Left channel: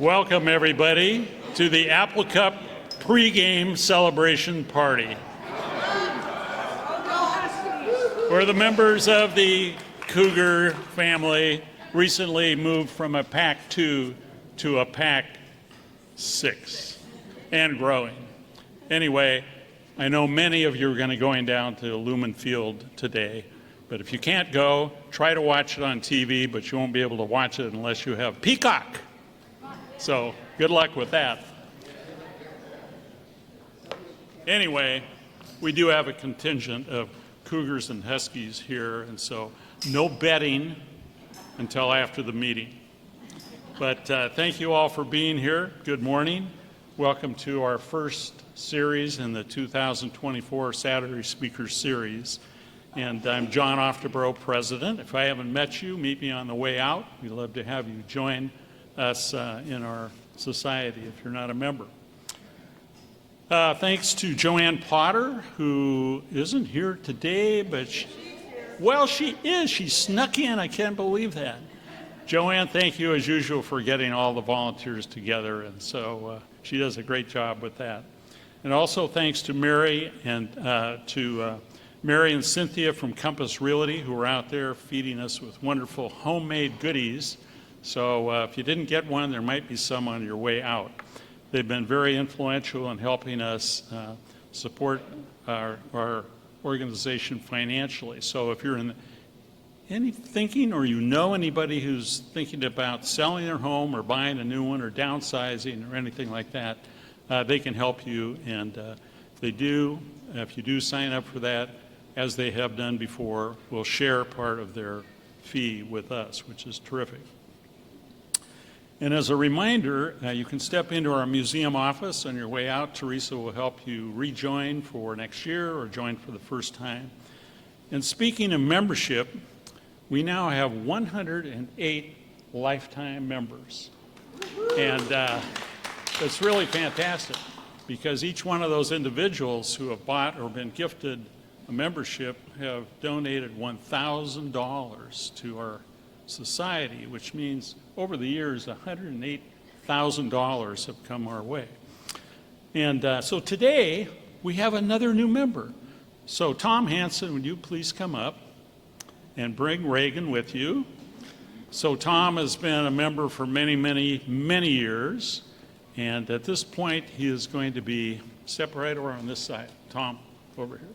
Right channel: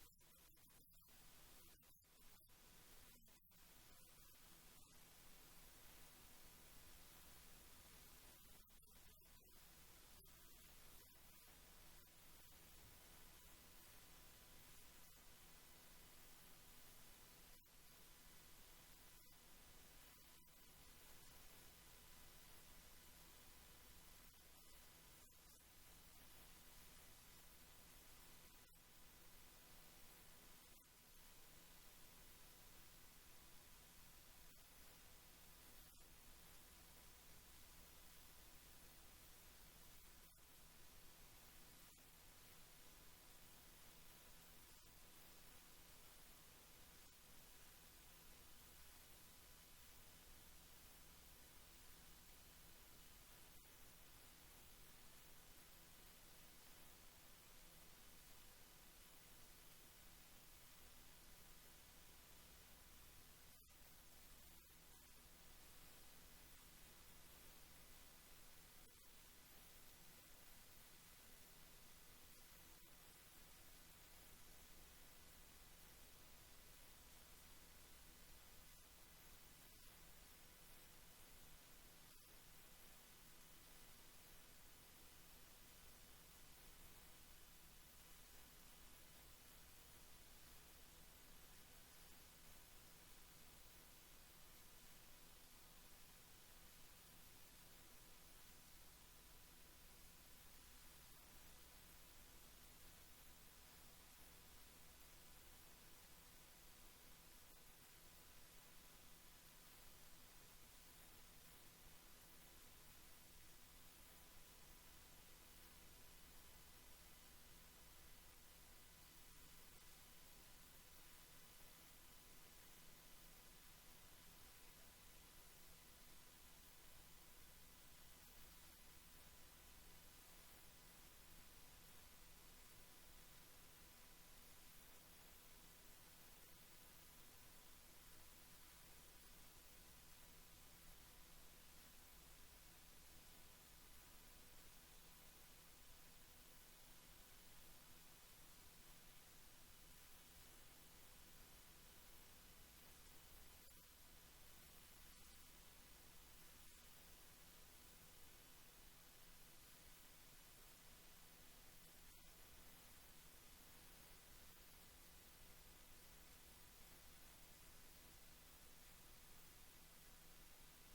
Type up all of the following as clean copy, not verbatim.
Welcome, everybody, to the Apple Cup pregame celebration party. Where the members of the Cougar family recently moved from a Pac-2 to a Pac-6 and growing. Anyway, I know many of you are going to be going down to Lumen Field today, but if you can't go, try to watch it on TV, but you won't be able to watch it unless you have Peacock. So good luck with that. Anyway, we do have a contingent of Cougars and Huskies here, and so no betting until after the meeting. But thank you all for being here. Good morning. Welcome to our first series in the 2024 Saturday Speakers Series. And I'm John Oftebro, President. If I haven't met you, meet me on the way out. We'd love to have you join us in our society if you're not a member. Thanks to Joanne Potter, who isn't here today, but she is. She snuck in. I can't believe that. Joanne, thank you as usual for getting all the volunteers together, and so she does a great job with that. And also thanks to Mary and Mary and Cynthia from Compass Realty, who are out there feeding us with wonderful homemade goodies. So if you didn't get one, there might be some on your way out. They've been very influential in helping us support our organization financially. So if you're in any thinking, or you know anybody who's thinking about selling their home or buying a new one or downsizing or anything like that, they can help you. And if you do sign up for that, as they have done before, will share part of their fee with us, which is terrific. And as a reminder, you can step into our museum office on your way out. Teresa will help you rejoin for next year or join for the first time. And speaking of membership, we now have 108 lifetime members. And it's really fantastic because each one of those individuals who have bought or been gifted a membership have donated $1,000 to our society, which means over the years, $108,000 have come our way. And so today, we have another new member. So Tom Hansen, would you please come up and bring Reagan with you? So Tom has been a member for many, many, many years. And at this point, he is going to be, step right over on this side. Tom, over here.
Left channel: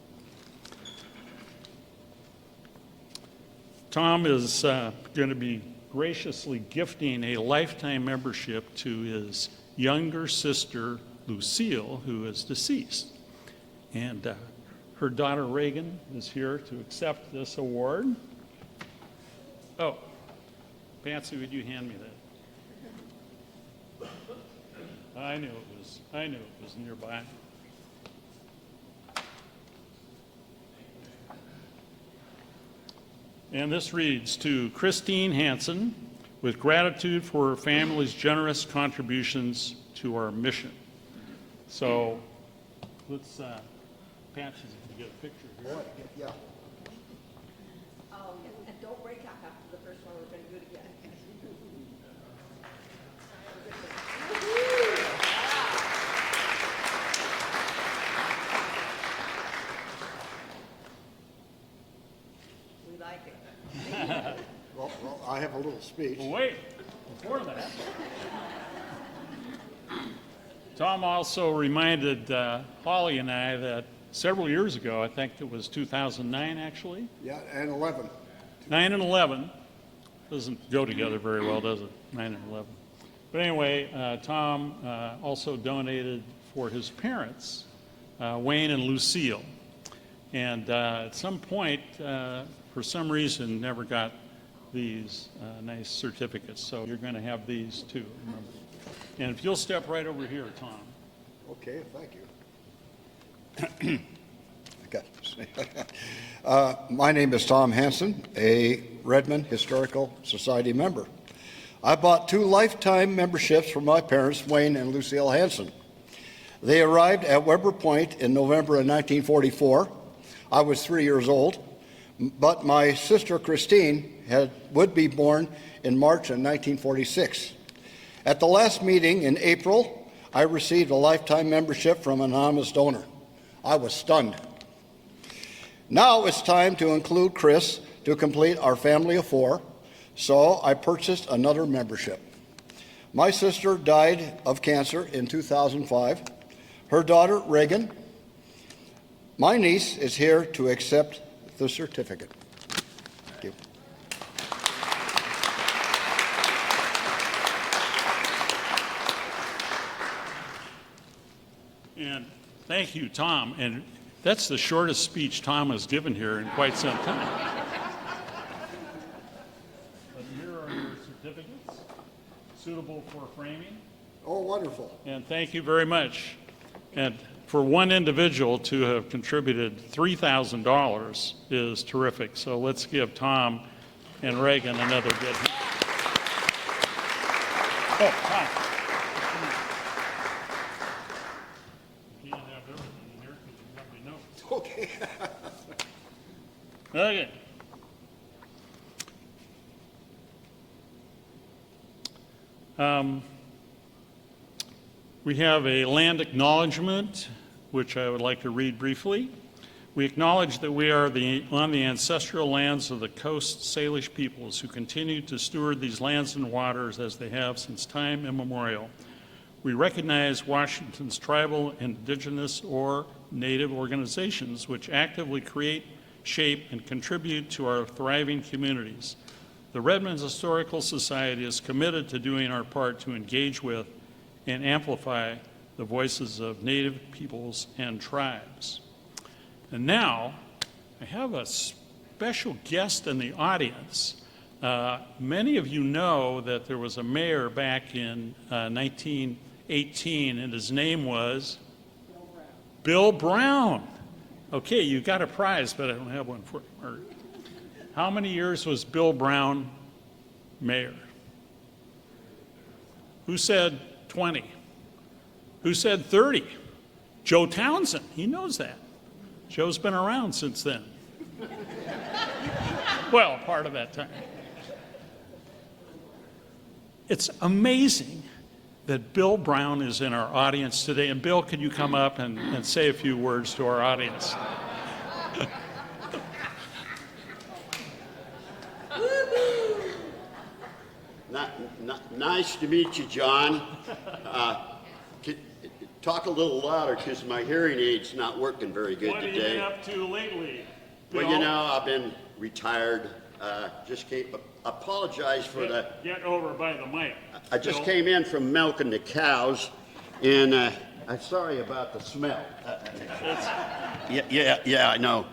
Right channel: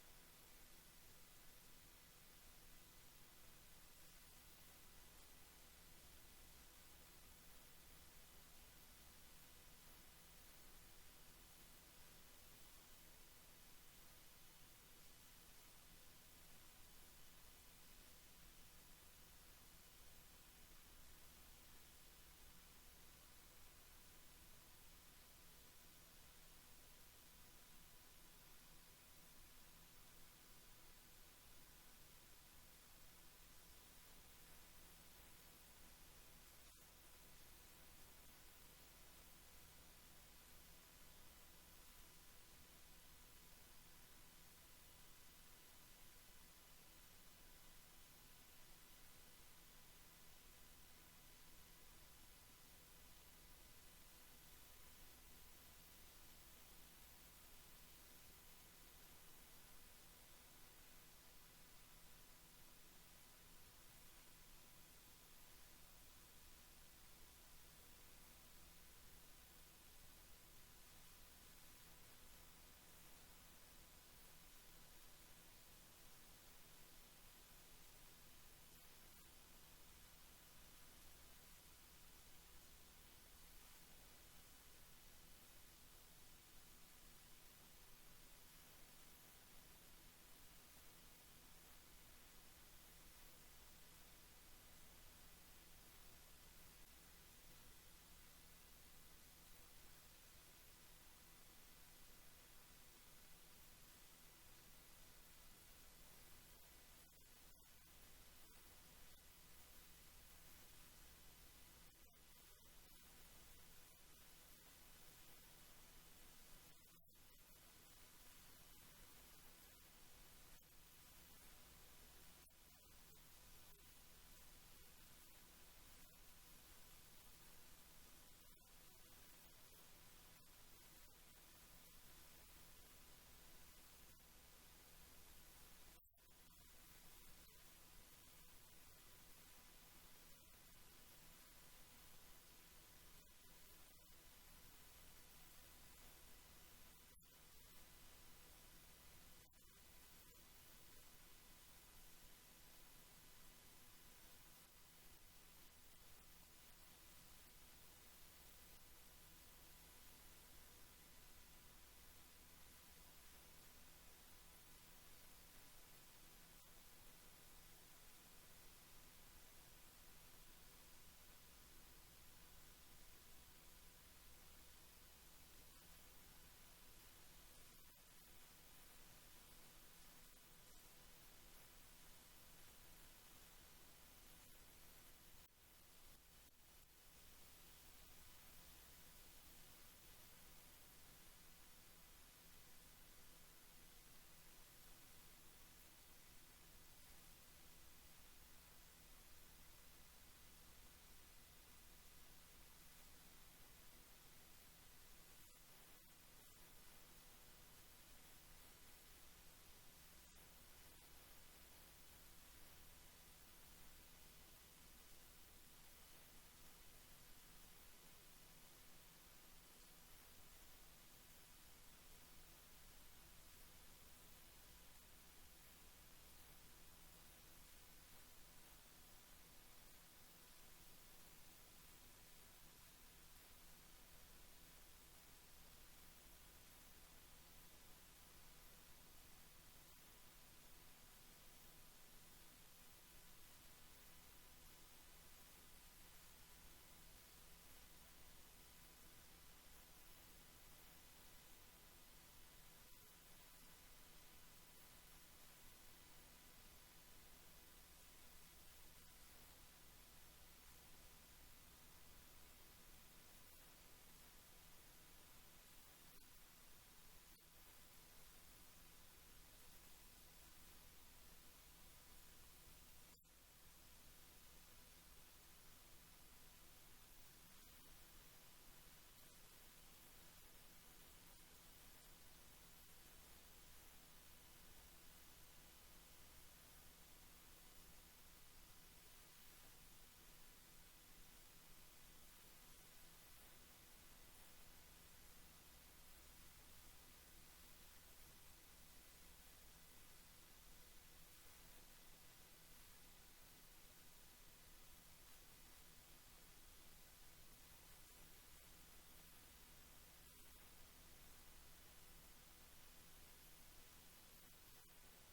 Tom is going to be graciously gifting a lifetime membership to his younger sister, Lucille, who is deceased. And her daughter, Reagan, is here to accept this award. Oh, Patsy, would you hand me that? I knew it was nearby. And this reads, to Christine Hansen, with gratitude for her family's generous contributions to our mission. So let's, Patches, if you get a picture here. Yeah. And don't break up after the first one. We're going to do it again. We like it. Well, I have a little speech. Well, wait, before that, Tom also reminded Holly and I that several years ago, I think it was 2009 actually. Yeah, and 11. 9 and 11 doesn't go together very well, does it? 9 and 11. But anyway, Tom also donated for his parents, Wayne and Lucille. And at some point, for some reason, never got these nice certificates. So you're going to have these too, remember. And if you'll step right over here, Tom. Okay, thank you. My name is Tom Hansen, a Redmond Historical Society member. I bought 2 lifetime memberships for my parents, Wayne and Lucille Hansen. They arrived at Weber Point in November of 1944. I was 3 years old, but my sister Christine would be born in March of 1946. At the last meeting in April, I received a lifetime membership from an anonymous donor. I was stunned. Now it's time to include Chris to complete our family of 4, so I purchased another membership. My sister died of cancer in 2005. Her daughter, Reagan. My niece is here to accept the certificate. Thank you. And thank you, Tom. And that's the shortest speech Tom has given here in quite some time. But here are your certificates, suitable for framing. Oh, wonderful. And thank you very much. And for one individual to have contributed $3,000 is terrific. So let's give Tom and Reagan another good hand. Oh, Tom. You can't have everything in here because you got me notes. Okay. Okay. We have a land acknowledgement, which I would like to read briefly. We acknowledge that we are on the ancestral lands of the Coast Salish peoples who continue to steward these lands and waters as they have since time immemorial. We recognize Washington's tribal, indigenous, or native organizations which actively create, shape, and contribute to our thriving communities. The Redmond Historical Society is committed to doing our part to engage with and amplify the voices of Native peoples and tribes. And now, I have a special guest in the audience. Many of you know that there was a mayor back in 1918, and his name was Bill Brown. Okay, you got a prize, but I don't have one for you. How many years was Bill Brown mayor? Who said 20? Who said 30? Joe Townsend, he knows that. Joe's been around since then. Well, part of that time. It's amazing that Bill Brown is in our audience today. And Bill, could you come up and say a few words to our audience? Nice to meet you, John. Talk a little louder because my hearing aid's not working very good What have you today. been up to lately, Bill? Well, you know, I've been retired. Just came, apologize for the, Get over by the mic. I just Bill. came in from milking the cows, and I'm sorry about the smell. Yeah, I know.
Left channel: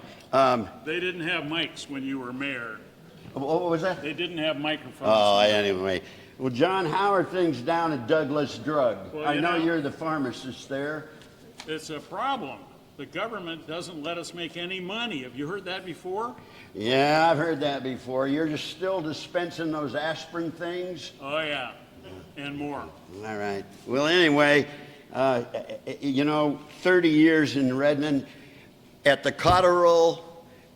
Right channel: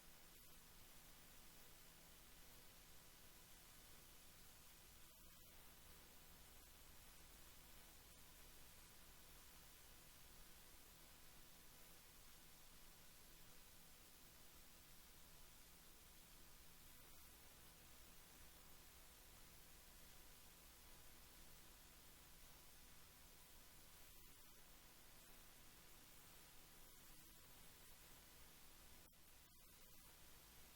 They didn't have mics when you were mayor. What was that? They didn't have microphones. Oh, anyway. Well, John, how are things down at Douglas Drug? Well, I you know know- you're the pharmacist there. It's a problem. The government doesn't let us make any money. Have you heard that before? Yeah, I've heard that before. You're just still dispensing those aspirin things? Oh, yeah, and more. All right. Well, anyway, you know, 30 years in Redmond at the Cotterill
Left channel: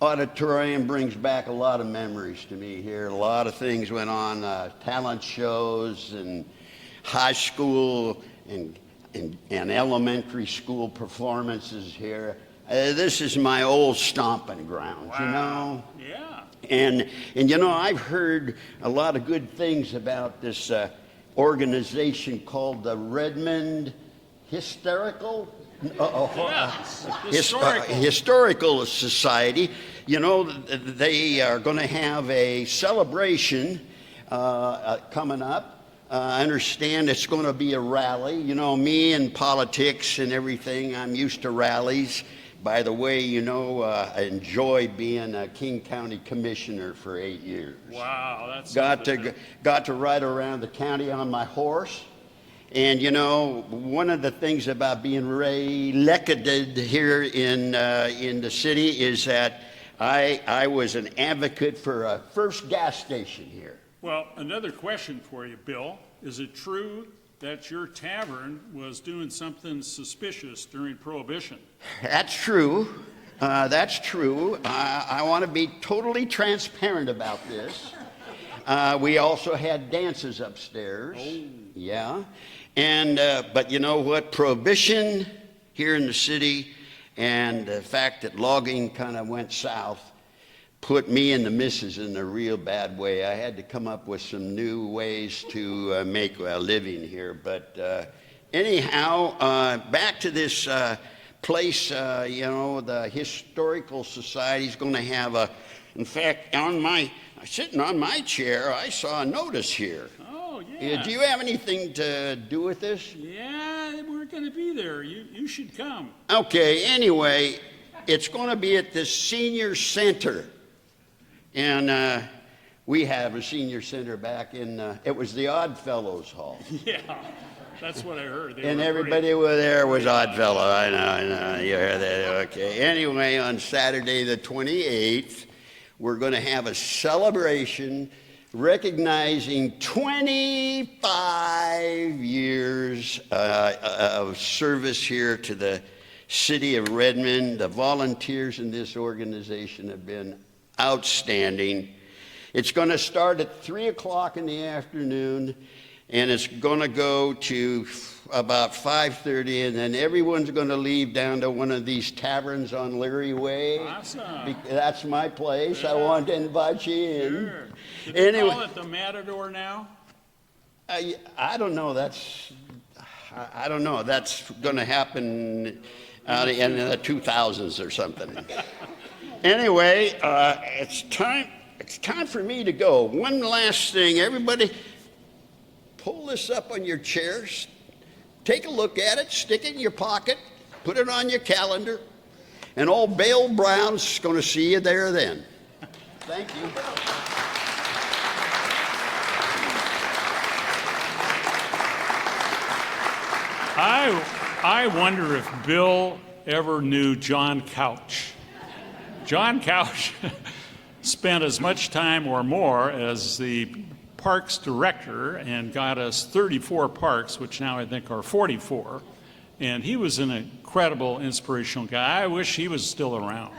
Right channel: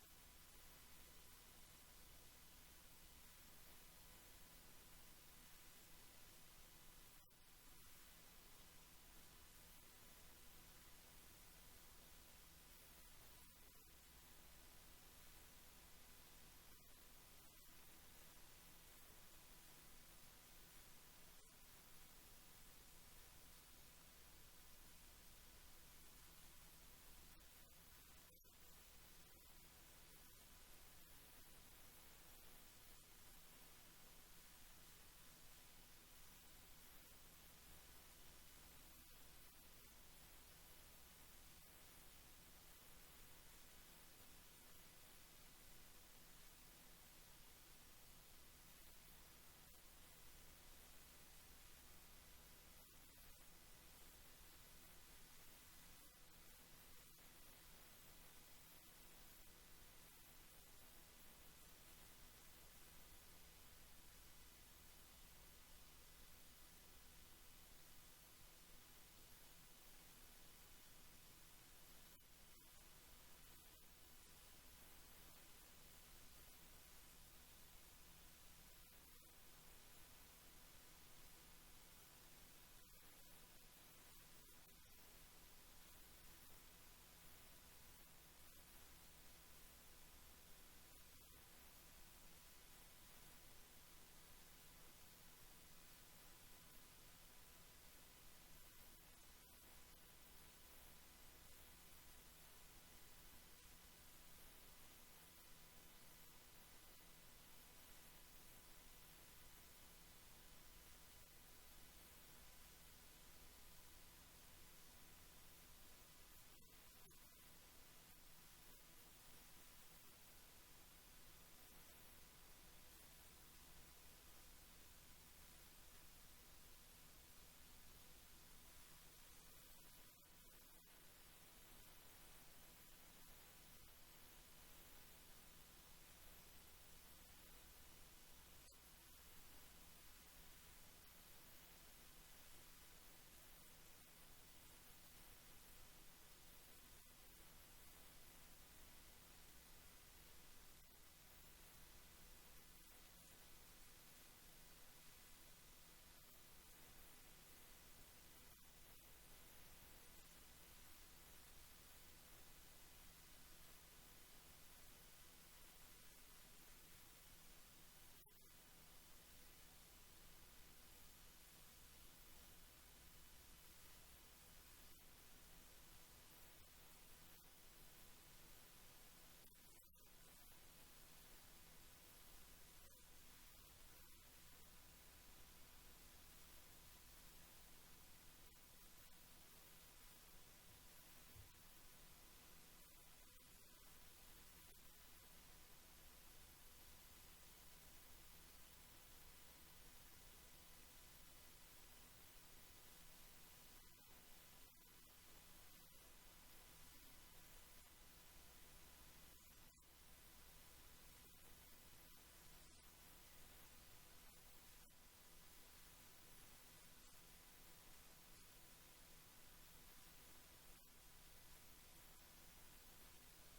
Auditorium brings back a lot of memories to me here. A lot of things went on, talent shows and high school and elementary school performances here. This is my old stomping ground, you know? Yeah. And you know, I've heard a lot of good things about this organization called the Redmond Historical Historical Society. You know, they are going to have a celebration coming up. I understand it's going to be a rally. You know, me and politics and everything, I'm used to rallies. By the way, you know, I enjoyed being a King County Commissioner for 8 years. Wow, that's Got to ride around the county on my horse. And, you know, one of the things about being re-elected here in the city is that I was an advocate for a first gas station here. Well, another question for you, Bill. Is it true that your tavern was doing something suspicious during Prohibition? That's true. That's true. I want to be totally transparent about this. We also had dances upstairs. Oh. Yeah. And, but you know what? Prohibition here in the city and the fact that logging kind of went south put me and the missus in a real bad way. I had to come up with some new ways to make a living here. But anyhow, back to this place, you know, the Historical Society is going to have a, in fact, sitting on my chair, I saw a notice here. Oh, yeah. Do you have anything to do with this? Yeah, we're going to be there. You should come. Okay, anyway, it's going to be at the senior center. And we have a senior center back in, it was the Oddfellows Hall. Yeah, that's what I heard. And everybody over there was Oddfellow. I know, you heard that. Okay. Anyway, on Saturday the 28th, we're going to have a celebration recognizing 25 years of service here to the city of Redmond. The volunteers in this organization have been outstanding. It's going to start at 3 o'clock in the afternoon, and it's going to go to about 5:30, and then everyone's going to leave down to one of these taverns on Leary Way. Awesome. That's my place. I want to invite you in. Sure. Do they Anyway, call it the Matador now? I don't know. I don't know. That's going to happen in the 2000s or something. Anyway, it's time for me to go. One last thing, everybody, pull this up on your chairs. Take a look at it, stick it in your pocket, put it on your calendar, and old Bill Brown's going to see you there then. Thank you. I wonder if Bill ever knew John Couch. John Couch spent as much time or more as the parks director and got us 34 parks, which now I think are 44. And he was an incredible, inspirational guy. I wish he was still around.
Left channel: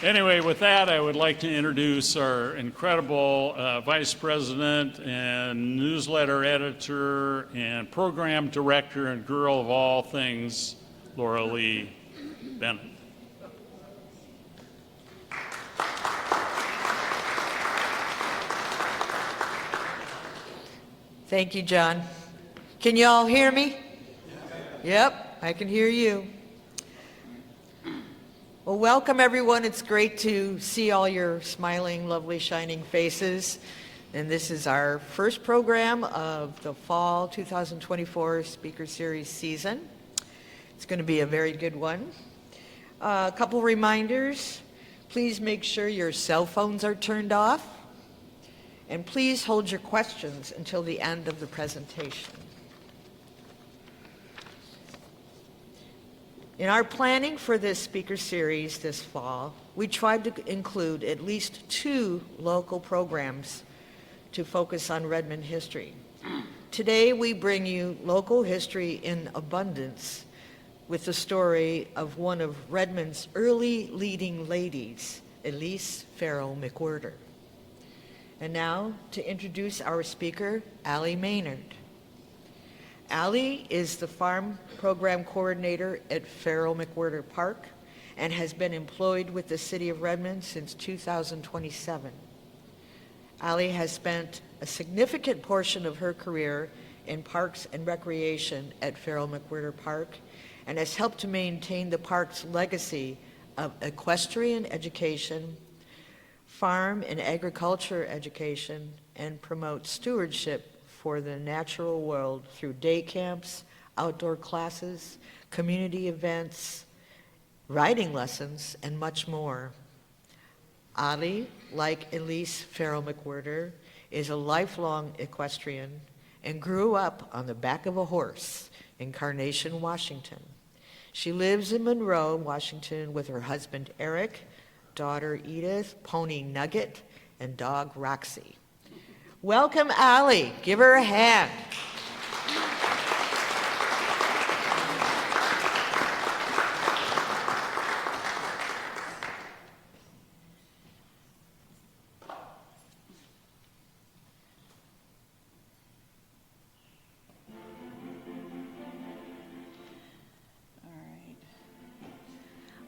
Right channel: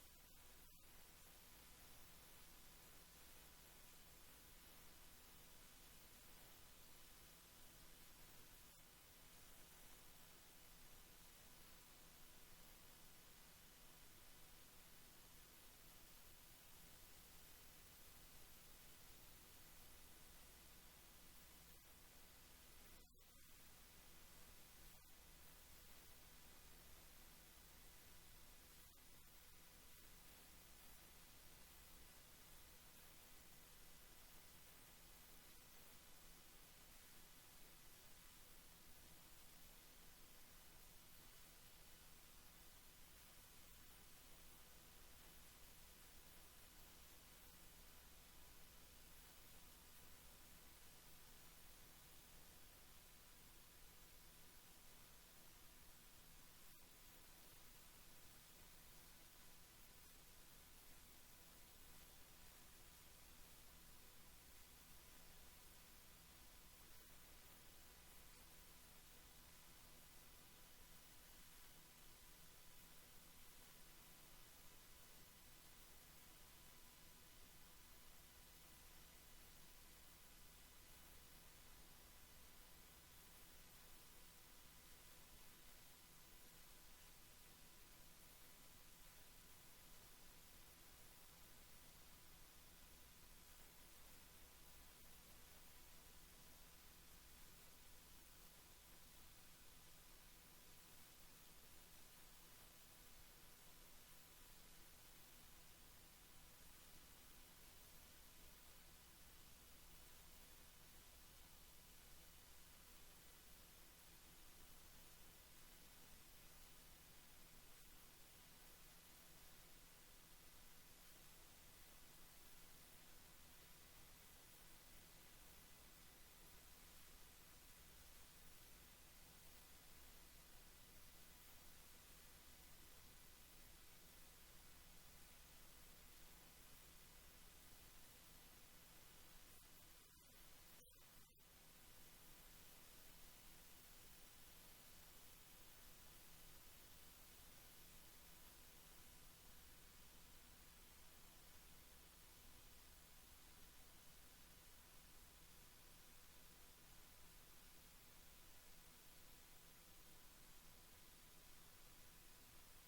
Anyway, with that, I would like to introduce our incredible vice president and newsletter editor and program director and girl of all things, Laura Lee Bennett. Thank you, John. Can you all hear me? Yep, I can hear you. Well, welcome everyone. It's great to see all your smiling, lovely, shining faces. And this is our first program of the fall 2024 Speaker Series season. It's going to be a very good one. A couple reminders. Please make sure your cell phones are turned off. And please hold your questions until the end of the presentation. In our planning for this speaker series this fall, we tried to include at least 2 local programs to focus on Redmond history. Today, we bring you local history in abundance with the story of one of Redmond's early leading ladies, Elise Farrell McWhirter. And now to introduce our speaker, Allie Maynard. Allie is the farm program coordinator at Farrell McWhirter Park and has been employed with the city of Redmond since 2027. Allie has spent a significant portion of her career in parks and recreation at Farrell McWhirter Park and has helped to maintain the park's legacy of equestrian education, farm and agriculture education, and promote stewardship for the natural world through day camps, outdoor classes, community events, riding lessons, and much more. Allie, like Elise Farrell McWhirter, is a lifelong equestrian and grew up on the back of a horse in Carnation, Washington. She lives in Monroe, Washington with her husband Eric, daughter Edith, pony Nugget, and dog Roxy. Welcome, Allie. Give her a hand.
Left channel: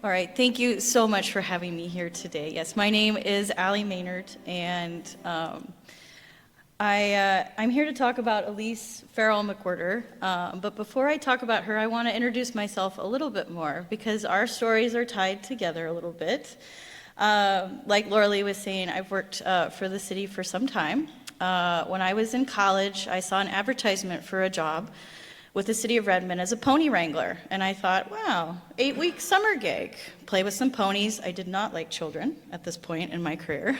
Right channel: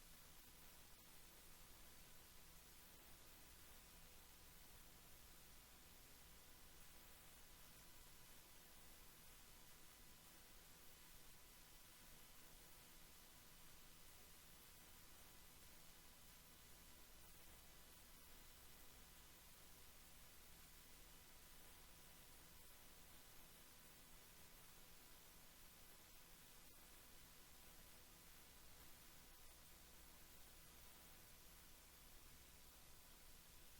All right, thank you so much for having me here today. Yes, my name is Allie Maynard, and I'm here to talk about Elise Farrell McWhirter. But before I talk about her, I want to introduce myself a little bit more because our stories are tied together a little bit. Like Laura Lee was saying, I've worked for the city for some time. When I was in college, I saw an advertisement for a job with the city of Redmond as a pony wrangler. And I thought, wow, 8-week summer gig, play with some ponies. I did not like children at this point in my career.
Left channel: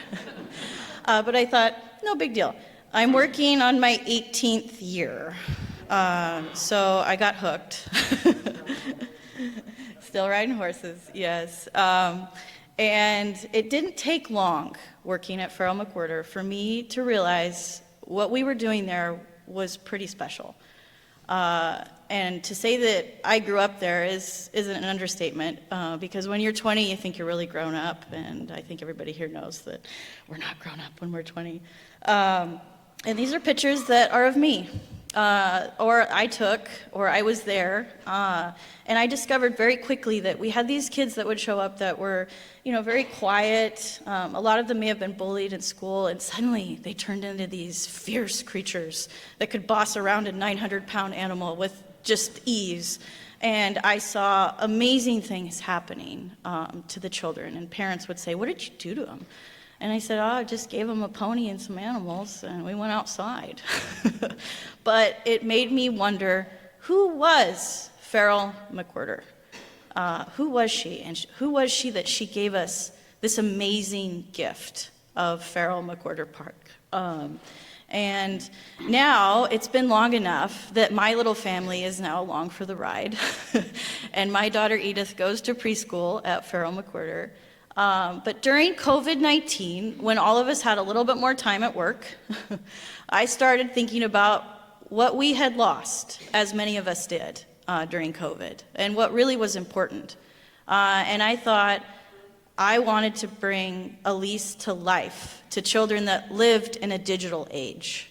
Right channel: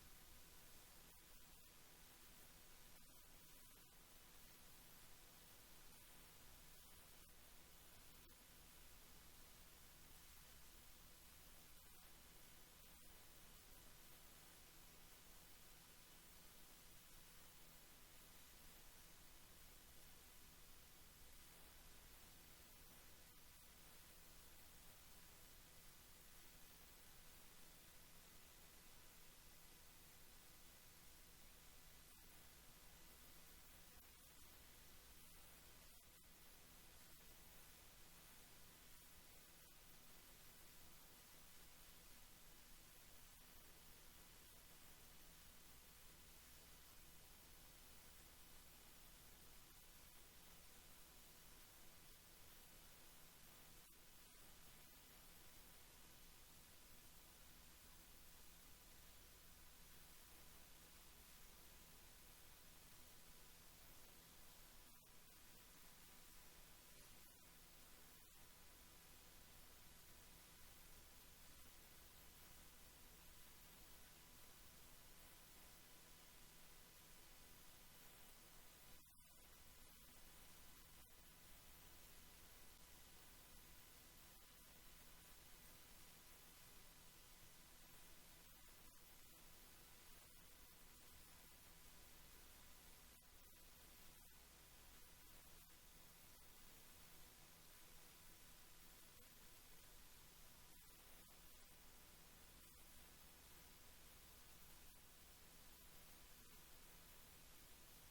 But I thought, no big deal. I'm working on my 18th year. So I got hooked. Still riding horses, yes. And it didn't take long working at Farrell McWhirter for me to realize what we were doing there was pretty special. And to say that I grew up there isn't an understatement, because when you're 20, you think you're really grown up, and I think everybody here knows that we're not grown up when we're 20. And these are pictures that are of me, or I took, or I was there, and I discovered very quickly that we had these kids that would show up that were, very quiet. A lot of them may have been bullied in school, and suddenly they turned into these fierce creatures that could boss around a 900-pound animal with just ease. And I saw amazing things happening to the children, and parents would say, "What did you do to them?" And I said, "Oh, I just gave them a pony and some animals, and we went outside." But it made me wonder, who was Farrell McWhirter? Who was she? And who was she that she gave us this amazing gift of Farrell McWhirter Park? And now it's been long enough that my little family is now along for the ride. And my daughter Edith goes to preschool at Farrell McWhirter. But during COVID-19, when all of us had a little bit more time at work, I started thinking about what we had lost, as many of us did during COVID, and what really was important. And I thought I wanted to bring Elise to life, to children that lived in a digital age.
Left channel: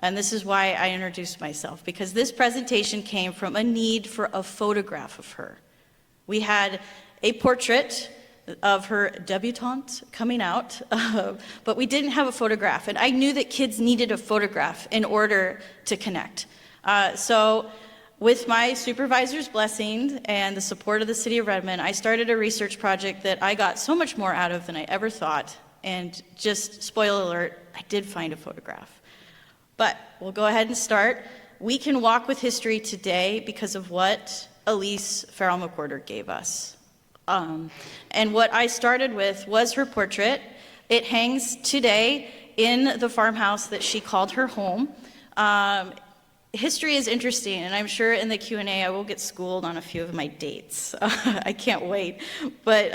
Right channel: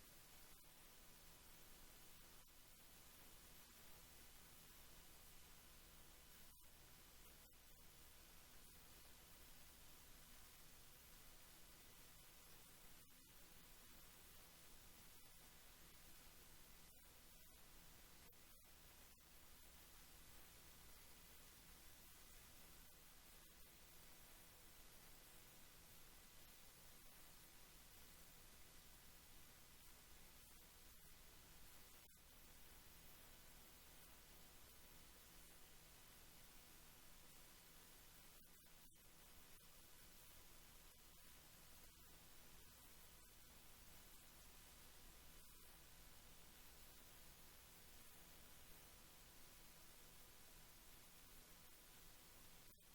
And this is why I introduced myself, because this presentation came from a need for a photograph of her. We had a portrait of her debutante coming out, but we didn't have a photograph. And I knew that kids needed a photograph in order to connect. So with my supervisor's blessing and the support of the city of Redmond, I started a research project that I got so much more out of than I ever thought. And just spoiler alert, I did find a photograph. But we'll go ahead and start. We can walk with history today because of what Elise Farrell McWhirter gave us. And what I started with was her portrait. It hangs today in the farmhouse that she called her home. History is interesting, and I'm sure in the Q&A I will get schooled on a few of my dates. I can't wait. But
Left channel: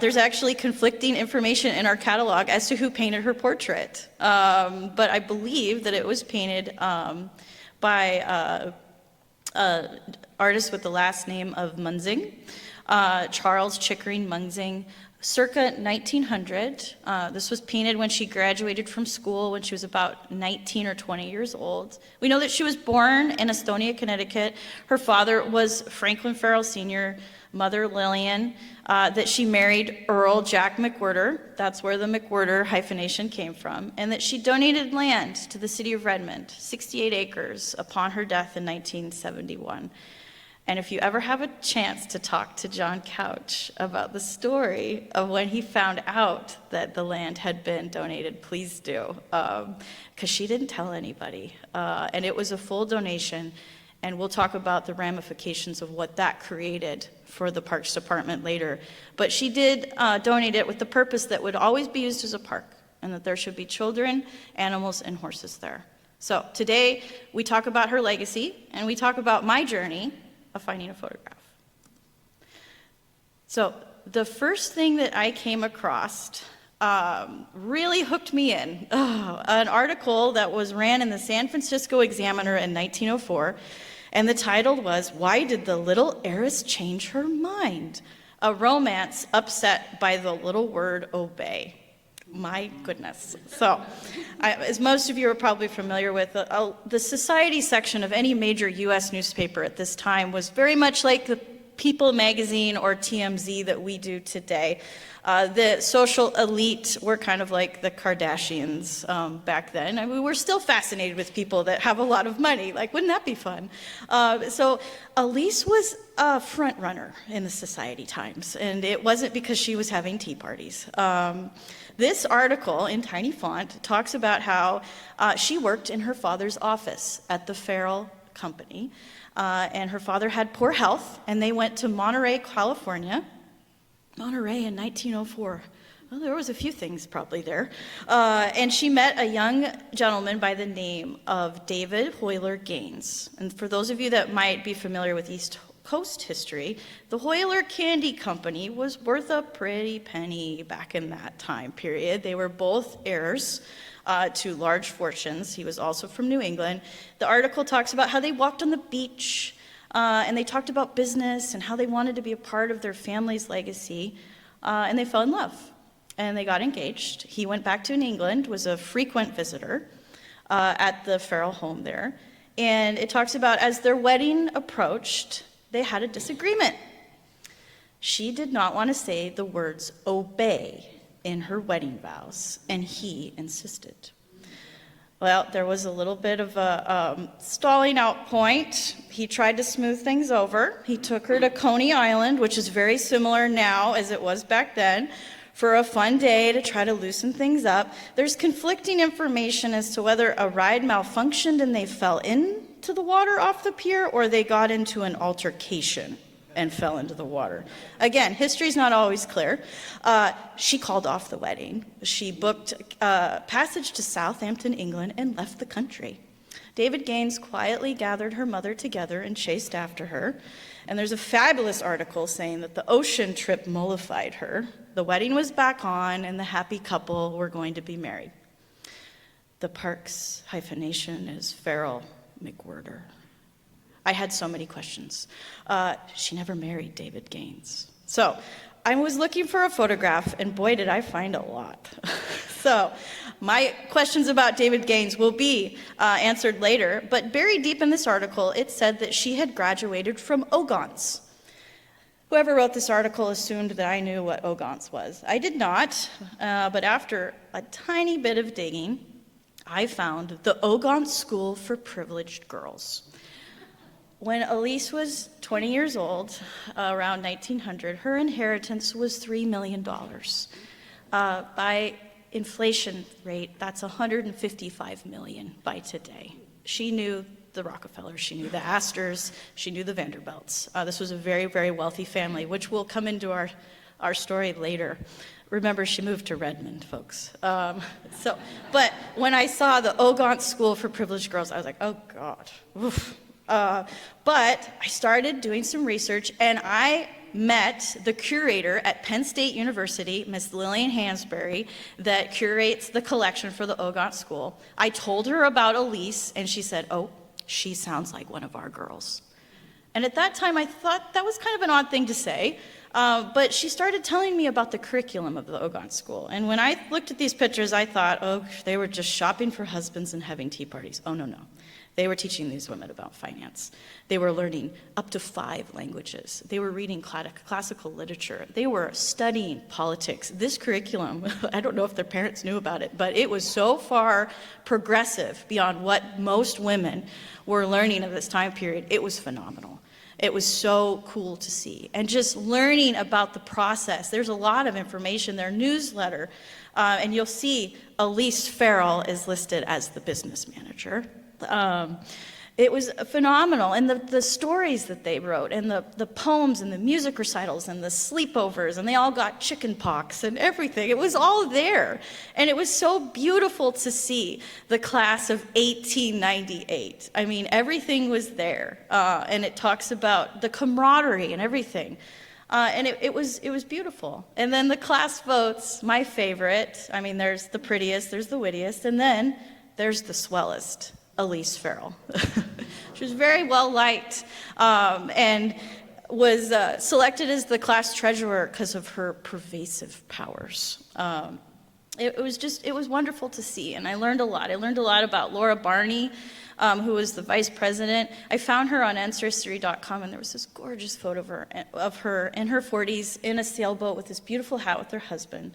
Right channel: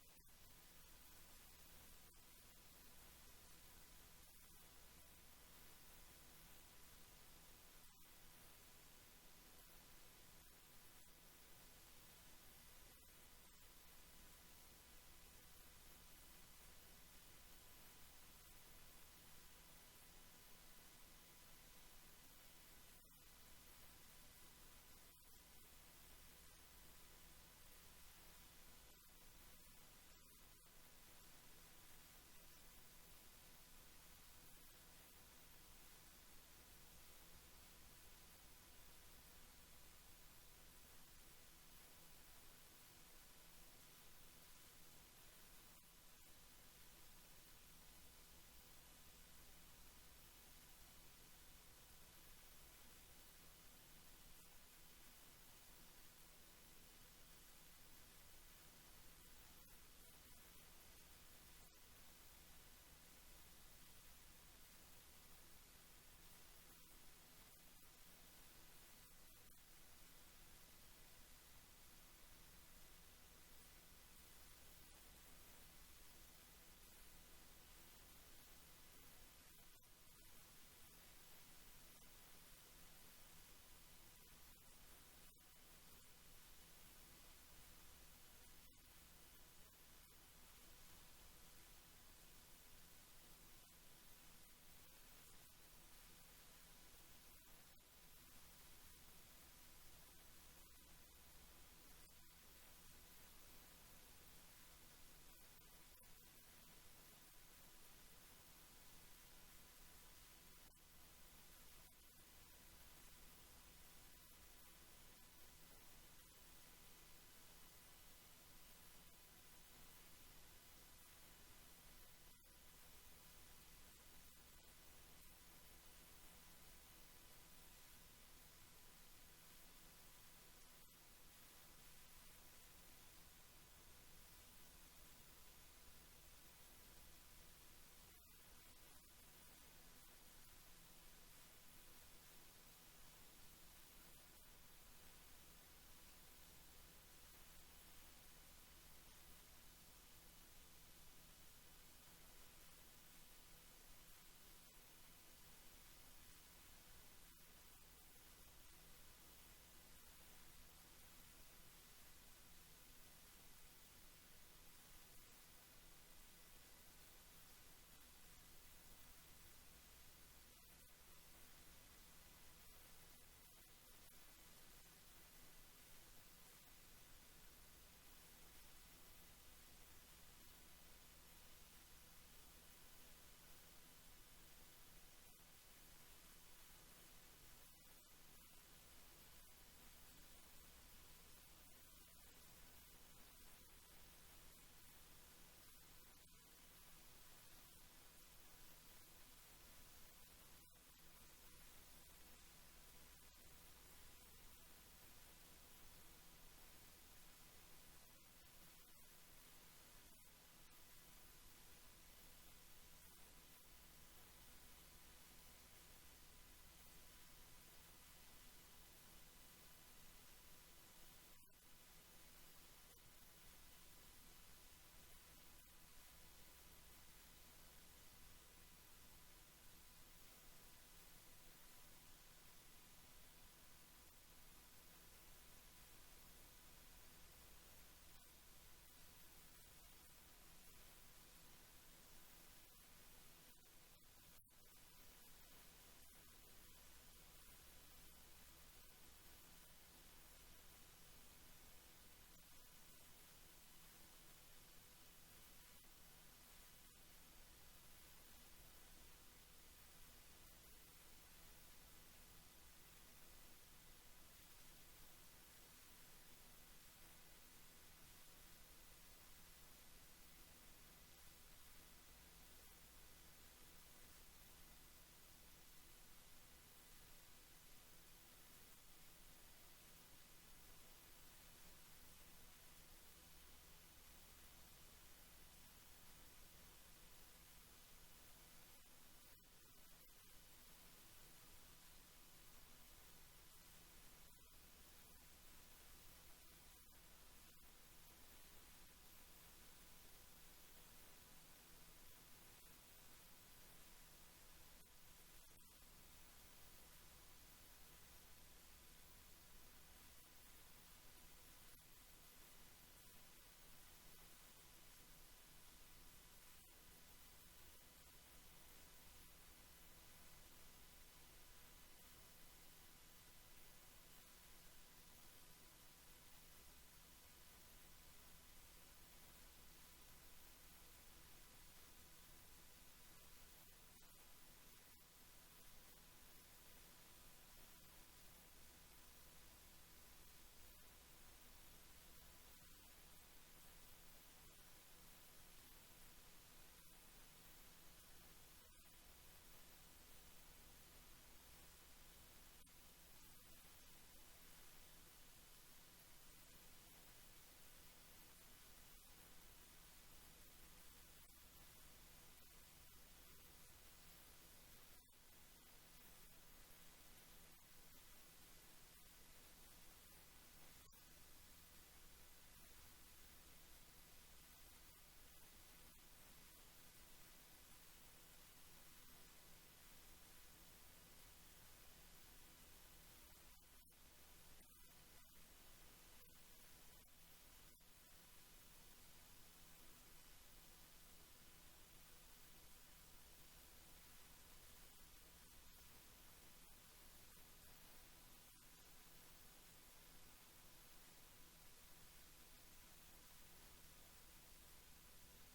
there's actually conflicting information in our catalog as to who painted her portrait. But I believe that it was painted by an artist with the last name of Munzing. Charles Chickering Munzing, circa 1900. This was painted when she graduated from school when she was about 19 or 20 years old. We know that she was born in Estonia, Connecticut. Her father was Franklin Farrell Sr., mother Lillian, that she married Earl Jack McWhirter. That's where the McWhirter hyphenation came from. And that she donated land to the city of Redmond, 68 acres, upon her death in 1971. And if you ever have a chance to talk to John Couch about the story of when he found out that the land had been donated, please do, because she didn't tell anybody. And it was a full donation, and we'll talk about the ramifications of what that created for the Parks Department later. But she did donate it with the purpose that it would always be used as a park, and that there should be children, animals, and horses there. So today, we talk about her legacy, and we talk about my journey of finding a photograph. So the first thing that I came across really hooked me in. An article that was ran in the San Francisco Examiner in 1904, and the title was, "Why Did the Little Heiress Change Her Mind? A Romance Upset by the Little Word Obey." My goodness. So, as most of you are probably familiar with, the society section of any major U.S. newspaper at this time was very much like the People magazine or TMZ that we do today. The social elite were kind of like the Kardashians back then. I mean, we're still fascinated with people that have a lot of money. Like, wouldn't that be fun? So Elise was a front runner in the Society Times, and it wasn't because she was having tea parties. This article in tiny font talks about how she worked in her father's office at the Farrell Company, and her father had poor health, and they went to Monterey, California. Monterey in 1904. Well, there was a few things probably there. And she met a young gentleman by the name of David Hoyler Gaines. And for those of you that might be familiar with East Coast history, the Hoyler Candy Company was worth a pretty penny back in that time period. They were both heirs to large fortunes. He was also from New England. The article talks about how they walked on the beach, and they talked about business and how they wanted to be a part of their family's legacy, and they fell in love, and they got engaged. He went back to New England, was a frequent visitor at the Farrell home there, and it talks about as their wedding approached, they had a disagreement. She did not want to say the words obey in her wedding vows, and he insisted. Well, there was a little bit of a stalling out point. He tried to smooth things over. He took her to Coney Island, which is very similar now as it was back then, for a fun day to try to loosen things up. There's conflicting information as to whether a ride malfunctioned and they fell into the water off the pier, or they got into an altercation and fell into the water. Again, history's not always clear. She called off the wedding. She booked passage to Southampton, England, and left the country. David Gaines quietly gathered her mother together and chased after her. And there's a fabulous article saying that the ocean trip mollified her. The wedding was back on, and the happy couple were going to be married. The Parks hyphenation is Farrell McWhirter. I had so many questions. She never married David Gaines. So I was looking for a photograph, and boy, did I find a lot. So my questions about David Gaines will be answered later, but buried deep in this article, it said that she had graduated from Ogontz. Whoever wrote this article assumed that I knew what Ogontz was. I did not, but after a tiny bit of digging, I found the Ogontz School for Privileged Girls. When Elise was 20 years old, around 1900, her inheritance was $3 million. By inflation rate, that's $155 million by today. She knew the Rockefellers, she knew the Astors, she knew the Vanderbilts. This was a very, very wealthy family, which will come into our story later. Remember, she moved to Redmond, folks. But when I saw the Ogontz School for Privileged Girls, I was like, oh God, oof. But I started doing some research, and I met the curator at Penn State University, Miss Lillian Hansberry, that curates the collection for the Ogontz School. I told her about Elise, and she said, oh, she sounds like one of our girls. And at that time, I thought that was kind of an odd thing to say, but she started telling me about the curriculum of the Ogontz School. And when I looked at these pictures, I thought, oh, they were just shopping for husbands and having tea parties. Oh, no, no. They were teaching these women about finance. They were learning up to 5 languages. They were reading classical literature. They were studying politics. This curriculum, I don't know if their parents knew about it, but it was so far progressive beyond what most women were learning at this time period. It was phenomenal. It was so cool to see. And just learning about the process. There's a lot of information. Their newsletter, and you'll see Elise Farrell is listed as the business manager. It was phenomenal, and the stories that they wrote, and the poems, and the music recitals, and the sleepovers, and they all got chicken pox and everything. It was all there, and it was so beautiful to see the class of 1898. I mean, everything was there, and it talks about the camaraderie and everything. And it was beautiful. And then the class votes, my favorite. I mean, there's the prettiest, there's the wittiest, and then there's the swellest. Elise Farrell. She was very well liked and was selected as the class treasurer because of her pervasive powers. It was wonderful to see, and I learned a lot. I learned a lot about Laura Barney, who was the vice president. I found her on ancestry.com, and there was this gorgeous photo of her in her 40s in a sailboat with this beautiful hat with her husband.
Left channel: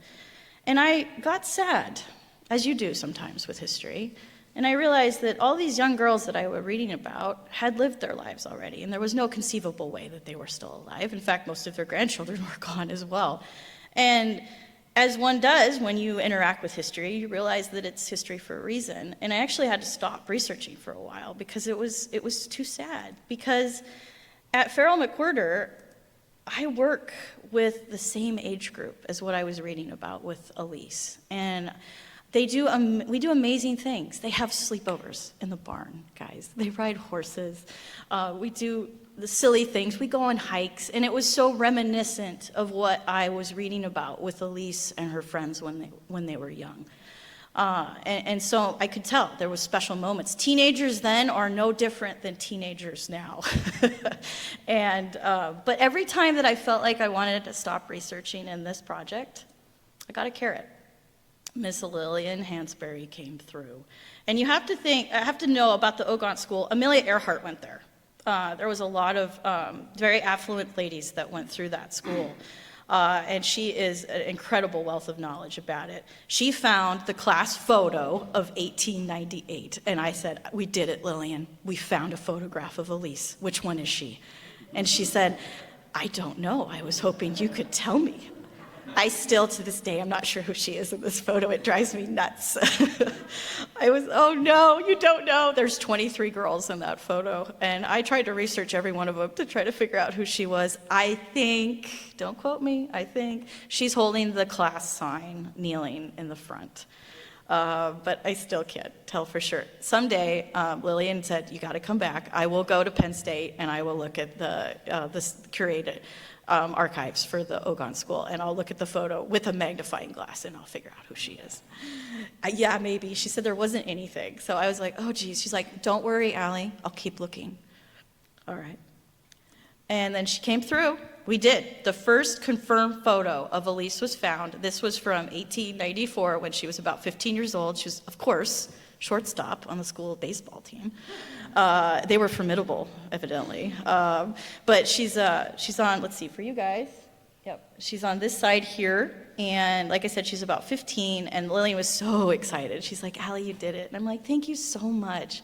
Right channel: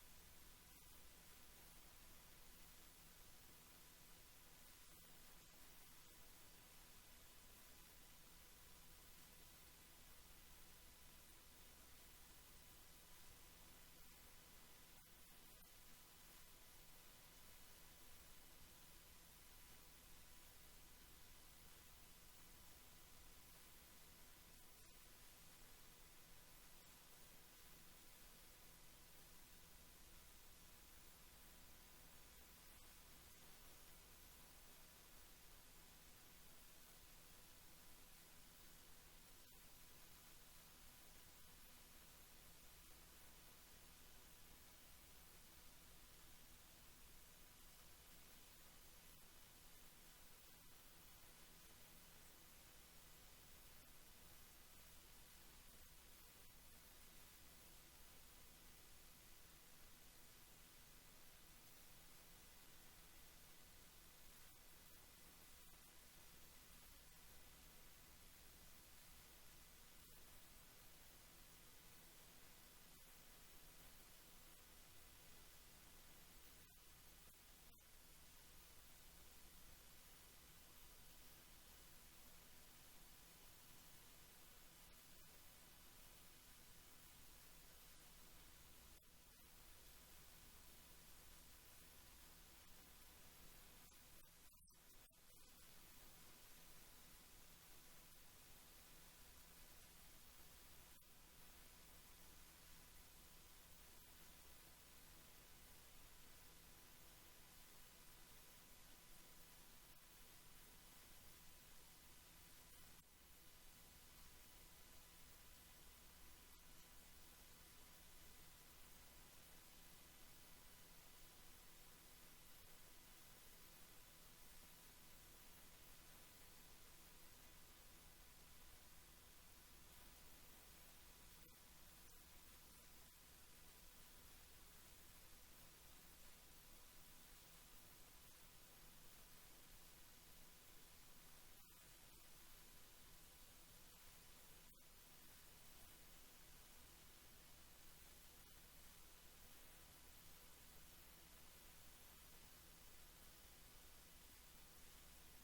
And I got sad, as you do sometimes with history. And I realized that all these young girls that I was reading about had lived their lives already, and there was no conceivable way that they were still alive. In fact, most of their grandchildren were gone as well. And as one does when you interact with history, you realize that it's history for a reason. And I actually had to stop researching for a while because it was too sad. Because at Farrell McWhirter, I work with the same age group as what I was reading about with Elise. And we do amazing things. They have sleepovers in the barn, guys. They ride horses. We do the silly things. We go on hikes. And it was so reminiscent of what I was reading about with Elise and her friends when they were young. And so I could tell there was special moments. Teenagers then are no different than teenagers now. But every time that I felt like I wanted to stop researching in this project, I got a carrot. Miss Lillian Hansberry came through. And I have to know about the Ogont School. Amelia Earhart went there. There was a lot of very affluent ladies that went through that school. And she is an incredible wealth of knowledge about it. She found the class photo of 1898. And I said, we did it, Lillian. We found a photograph of Elise. Which one is she? And she said, I don't know. I was hoping you could tell me. I still, to this day, I'm not sure who she is in this photo. It drives me nuts. Oh no, you don't know. There's 23 girls in that photo. And I tried to research every one of them to try to figure out who she was. I think, don't quote me, I think she's holding the class sign, kneeling in the front. But I still can't tell for sure. Someday, Lillian said, you gotta come back. I will go to Penn State and I will look at the curated archives for the Ogont School, and I'll look at the photo with a magnifying glass and I'll figure out who she is. Yeah, maybe. She said there wasn't anything. So I was like, oh geez. She's like, don't worry, Allie, I'll keep looking. All right. And then she came through. We did. The first confirmed photo of Elise was found. This was from 1894 when she was about 15 years old. She was, of course, shortstop on the school baseball team. They were formidable, evidently. But she's on, let's see, for you guys. Yep. She's on this side here. And like I said, she's about 15. And Lillian was so excited. She's like, Allie, you did it. And I'm like, thank you so much.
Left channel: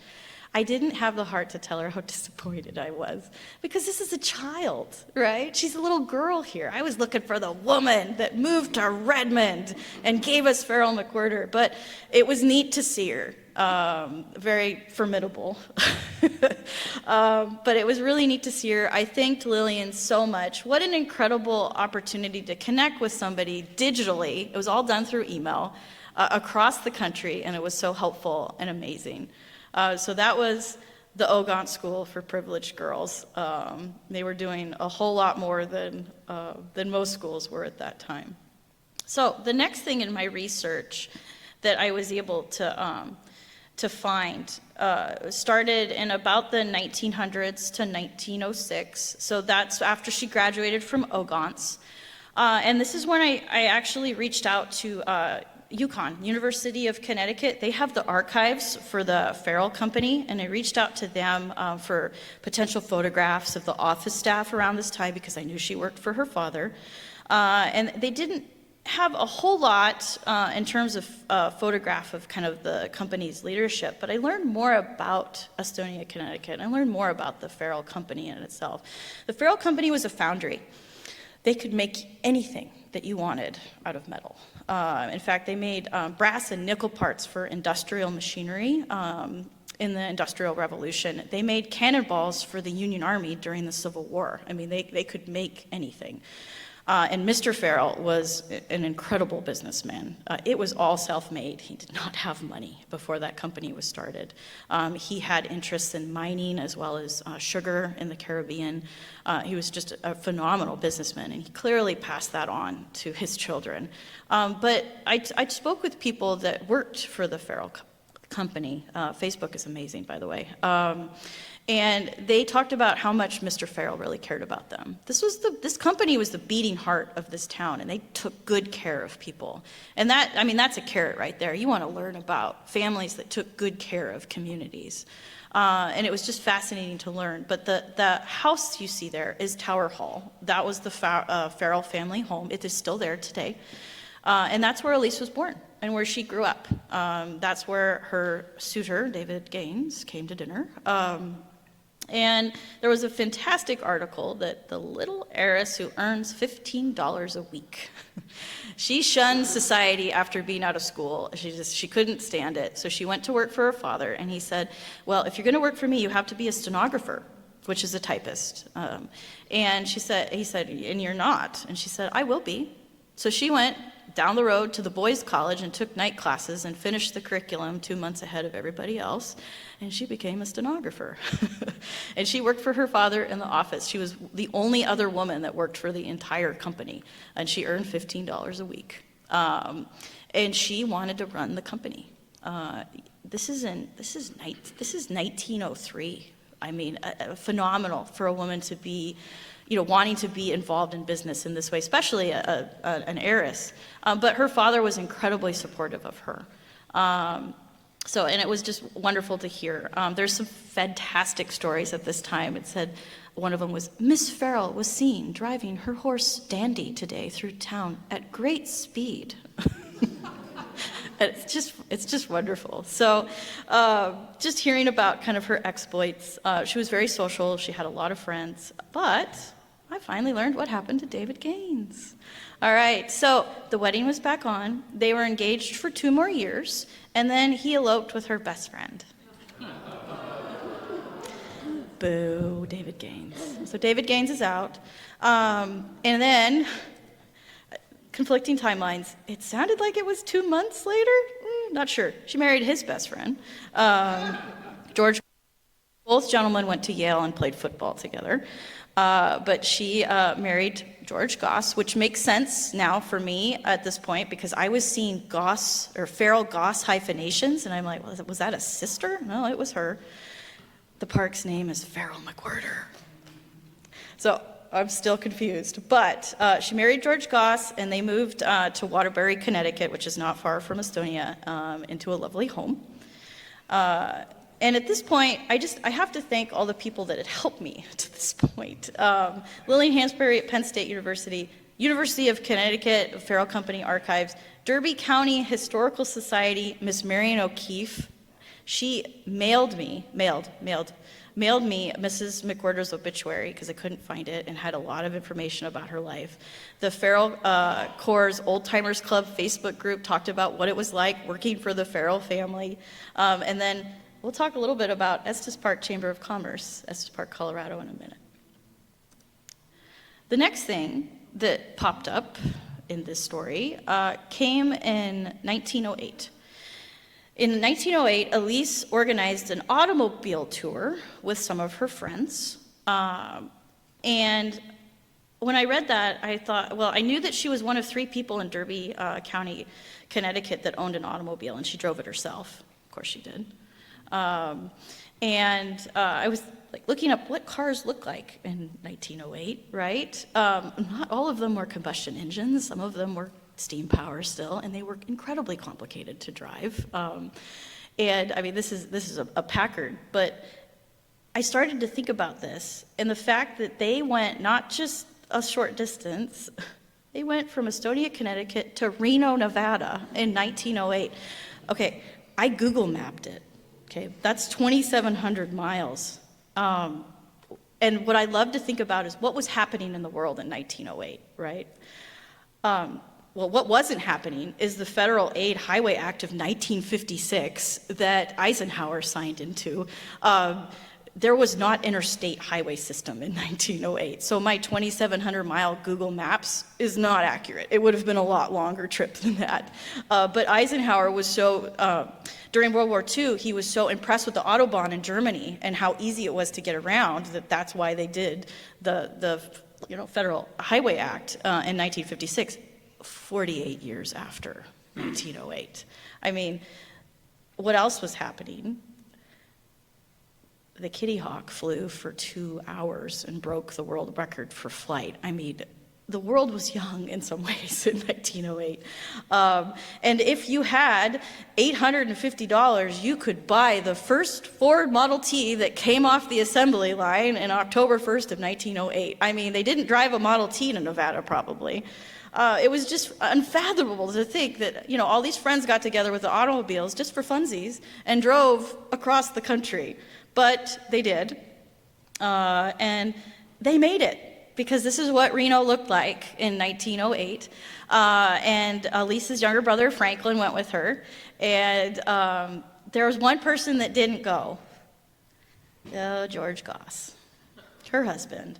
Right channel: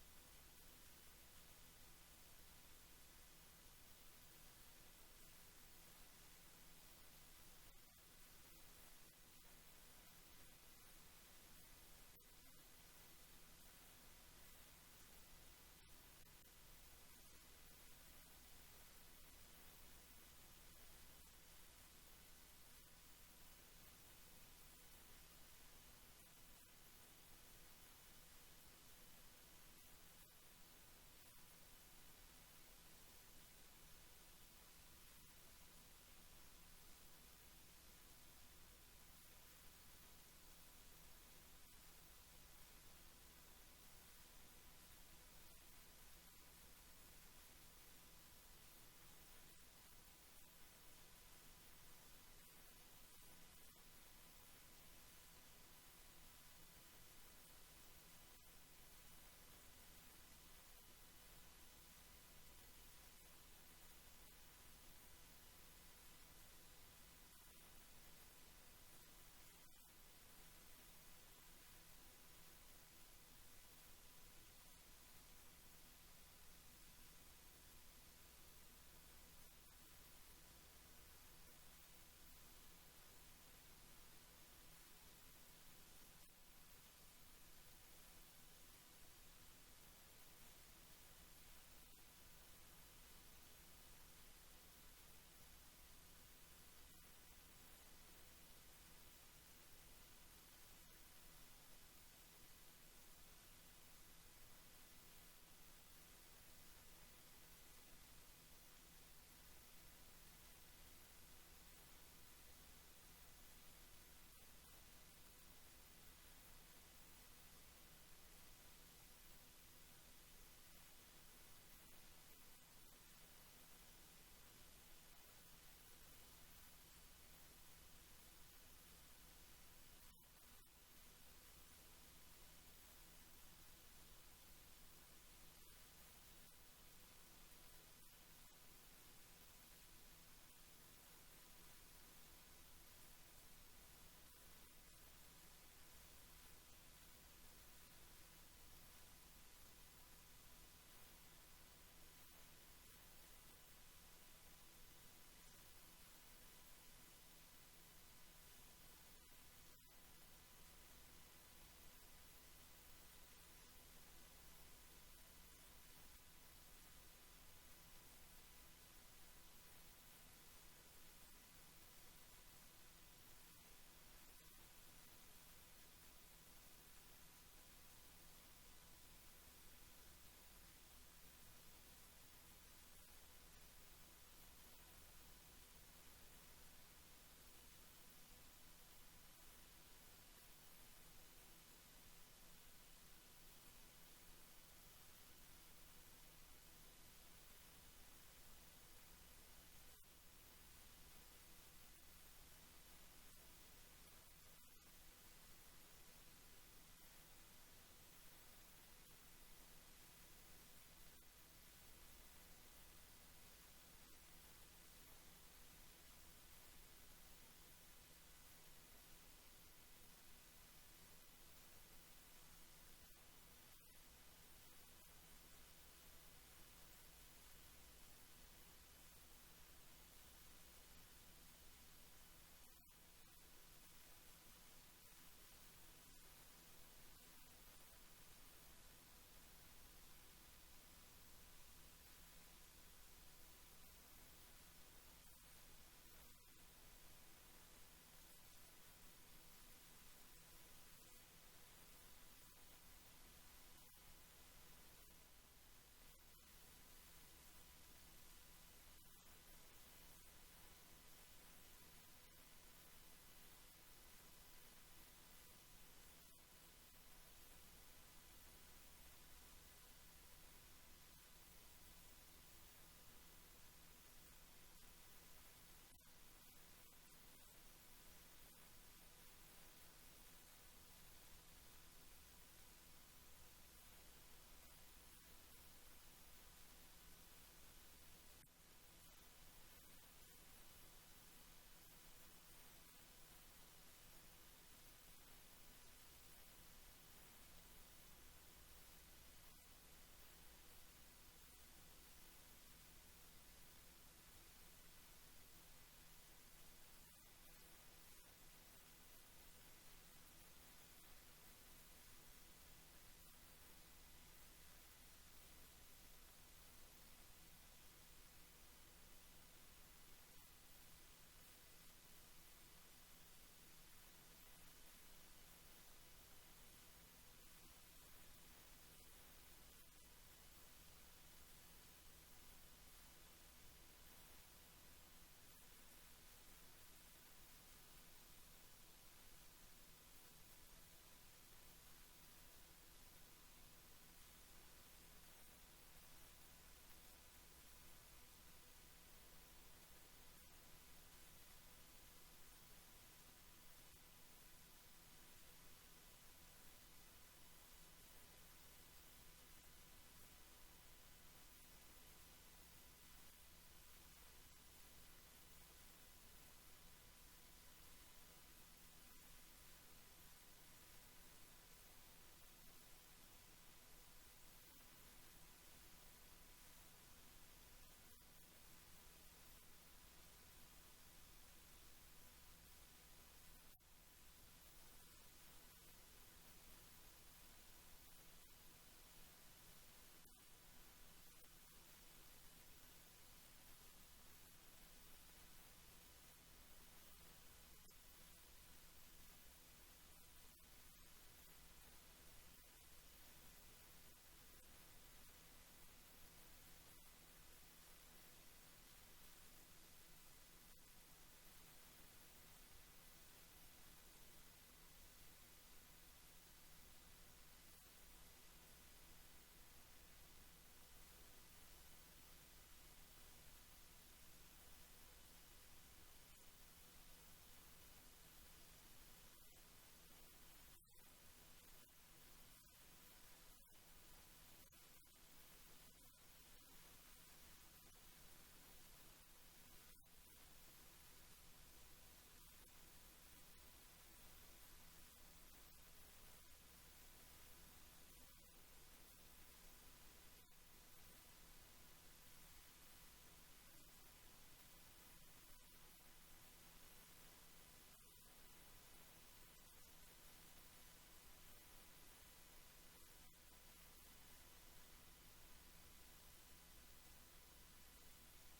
I didn't have the heart to tell her how disappointed I was. Because this is a child, right? She's a little girl here. I was looking for the woman that moved to Redmond and gave us Farrell McWhirter. But it was neat to see her. Very formidable. But it was really neat to see her. I thanked Lillian so much. What an incredible opportunity to connect with somebody digitally. It was all done through email across the country, and it was so helpful and amazing. So that was the Ogont School for Privileged Girls. They were doing a whole lot more than most schools were at that time. So the next thing in my research that I was able to find started in about the 1900s to 1906. So that's after she graduated from Ogont's. And this is when I actually reached out to UConn, University of Connecticut. They have the archives for the Farrell Company, and I reached out to them for potential photographs of the office staff around this time because I knew she worked for her father. And they didn't have a whole lot in terms of photograph of kind of the company's leadership, but I learned more about Estonia, Connecticut. I learned more about the Farrell Company in itself. The Farrell Company was a foundry. They could make anything that you wanted out of metal. In fact, they made brass and nickel parts for industrial machinery in the Industrial Revolution. They made cannonballs for the Union Army during the Civil War. I mean, they could make anything. And Mr. Farrell was an incredible businessman. It was all self-made. He did not have money before that company was started. He had interests in mining as well as sugar in the Caribbean. He was just a phenomenal businessman, and he clearly passed that on to his children. But I spoke with people that worked for the Farrell Company. Facebook is amazing, by the way. And they talked about how much Mr. Farrell really cared about them. This company was the beating heart of this town, and they took good care of people. And that's a carrot right there. You want to learn about families that took good care of communities. And it was just fascinating to learn. But the house you see there is Tower Hall. That was the Farrell family home. It is still there today. And that's where Elise was born and where she grew up. That's where her suitor, David Gaines, came to dinner. And there was a fantastic article that the little heiress who earns $15 a week, she shunned society after being out of school. She couldn't stand it. So she went to work for her father, and he said, well, if you're going to work for me, you have to be a stenographer, which is a typist. And he said, and you're not. And she said, I will be. So she went down the road to the boys' college and took night classes and finished the curriculum 2 months ahead of everybody else. And she became a stenographer. And she worked for her father in the office. She was the only other woman that worked for the entire company. And she earned $15 a week. And she wanted to run the company. This is 1903. I mean, phenomenal for a woman to be, wanting to be involved in business in this way, especially an heiress. But her father was incredibly supportive of her. And it was just wonderful to hear. There's some fantastic stories at this time. It said, one of them was, Miss Farrell was seen driving her horse Dandy today through town at great speed. It's just wonderful. So just hearing about kind of her exploits, she was very social. She had a lot of friends. But I finally learned what happened to David Gaines. All right, so the wedding was back on. They were engaged for 2 more years, and then he eloped with her best friend. Boo, David Gaines. So David Gaines is out. And then, conflicting timelines. It sounded like it was 2 months later. Not sure. She married his best friend, George. Both gentlemen went to Yale and played football together. But she married George Goss, which makes sense now for me at this point because I was seeing Goss or Farrell Goss hyphenations, and I'm like, was that a sister? No, it was her. The park's name is Farrell McWhirter. So I'm still confused. But she married George Goss, and they moved to Waterbury, Connecticut, which is not far from Estonia, into a lovely home. And at this point, I have to thank all the people that had helped me to this point. Lillian Hansberry at Penn State University, University of Connecticut, Farrell Company Archives, Derby County Historical Society, Miss Marion O'Keefe. She mailed me Mrs. McWhirter's obituary because I couldn't find it and had a lot of information about her life. The Farrell Corps Old Timers Club Facebook group talked about what it was like working for the Farrell family. And then we'll talk a little bit about Estes Park Chamber of Commerce, Estes Park, Colorado in a minute. The next thing that popped up in this story came in 1908. In 1908, Elise organized an automobile tour with some of her friends. And when I read that, I thought, well, I knew that she was one of 3 people in Derby County, Connecticut that owned an automobile, and she drove it herself. Of course she did. I was looking up what cars look like in 1908, right? Not all of them were combustion engines. Some of them were steam power still, and they were incredibly complicated to drive. And I mean, this is a Packard, but I started to think about this and the fact that they went not just a short distance, they went from Estonia, Connecticut to Reno, Nevada in 1908. Okay, I Google mapped it. Okay, that's 2,700 miles. And what I love to think about is what was happening in the world in 1908, right? Well, what wasn't happening is the Federal Aid Highway Act of 1956 that Eisenhower signed into. There was not interstate highway system in 1908, so my 2,700-mile Google Maps is not accurate. It would have been a lot longer trip than that. But Eisenhower was so, during World War II, he was so impressed with the Autobahn in Germany and how easy it was to get around that's why they did the Federal Highway Act in 1956. 48 years after 1908. I mean, what else was happening? The Kitty Hawk flew for 2 hours and broke the world record for flight. I mean, the world was young in some ways in 1908. And if you had $850, you could buy the first Ford Model T that came off the assembly line in October 1st of 1908. I mean, they didn't drive a Model T to Nevada, probably. It was just unfathomable to think that, you know, all these friends got together with the automobiles just for funsies and drove across the country. But they did. And they made it, because this is what Reno looked like in 1908. And Lisa's younger brother, Franklin, went with her. And there was one person that didn't go. George Goss, her husband.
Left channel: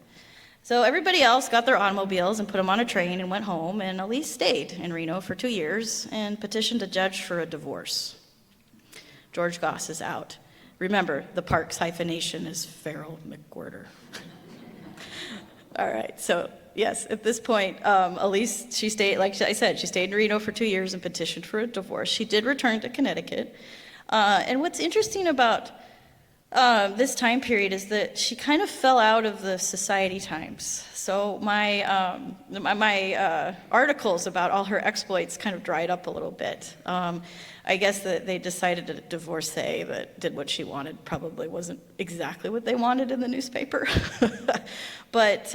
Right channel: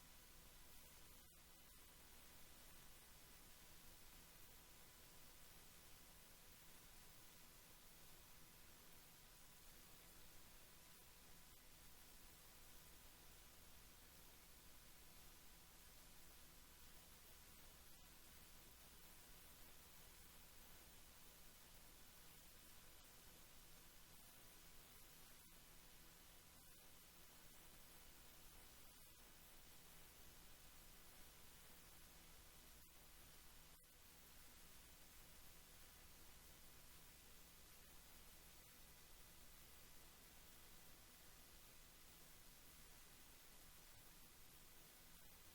So everybody else got their automobiles and put them on a train and went home, and Elise stayed in Reno for 2 years and petitioned a judge for a divorce. George Goss is out. Remember, the Parks hyphenation is Farrell McWhirter. All right, so yes, at this point, Elise, she stayed, like I said, she stayed in Reno for 2 years and petitioned for a divorce. She did return to Connecticut. And what's interesting about this time period is that she kind of fell out of the Society Times. So my articles about all her exploits kind of dried up a little bit. I guess that they decided a divorcee that did what she wanted probably wasn't exactly what they wanted in the newspaper. But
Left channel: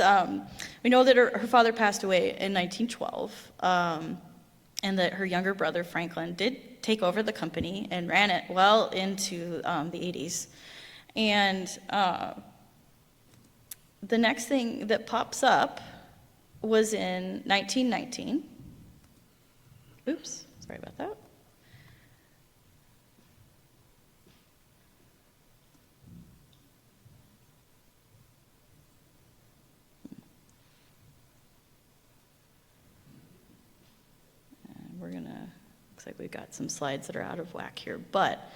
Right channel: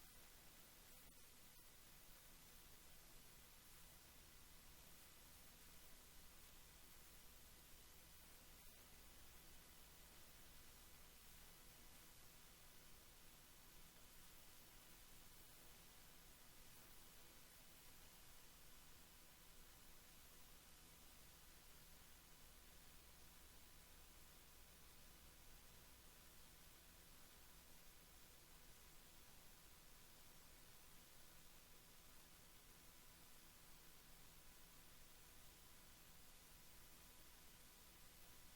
we know that her father passed away in 1912, and that her younger brother, Franklin, did take over the company and ran it well into the 80s. And the next thing that pops up was in 1919. Oops, sorry about that. Looks like we've got some slides that are out of whack here, but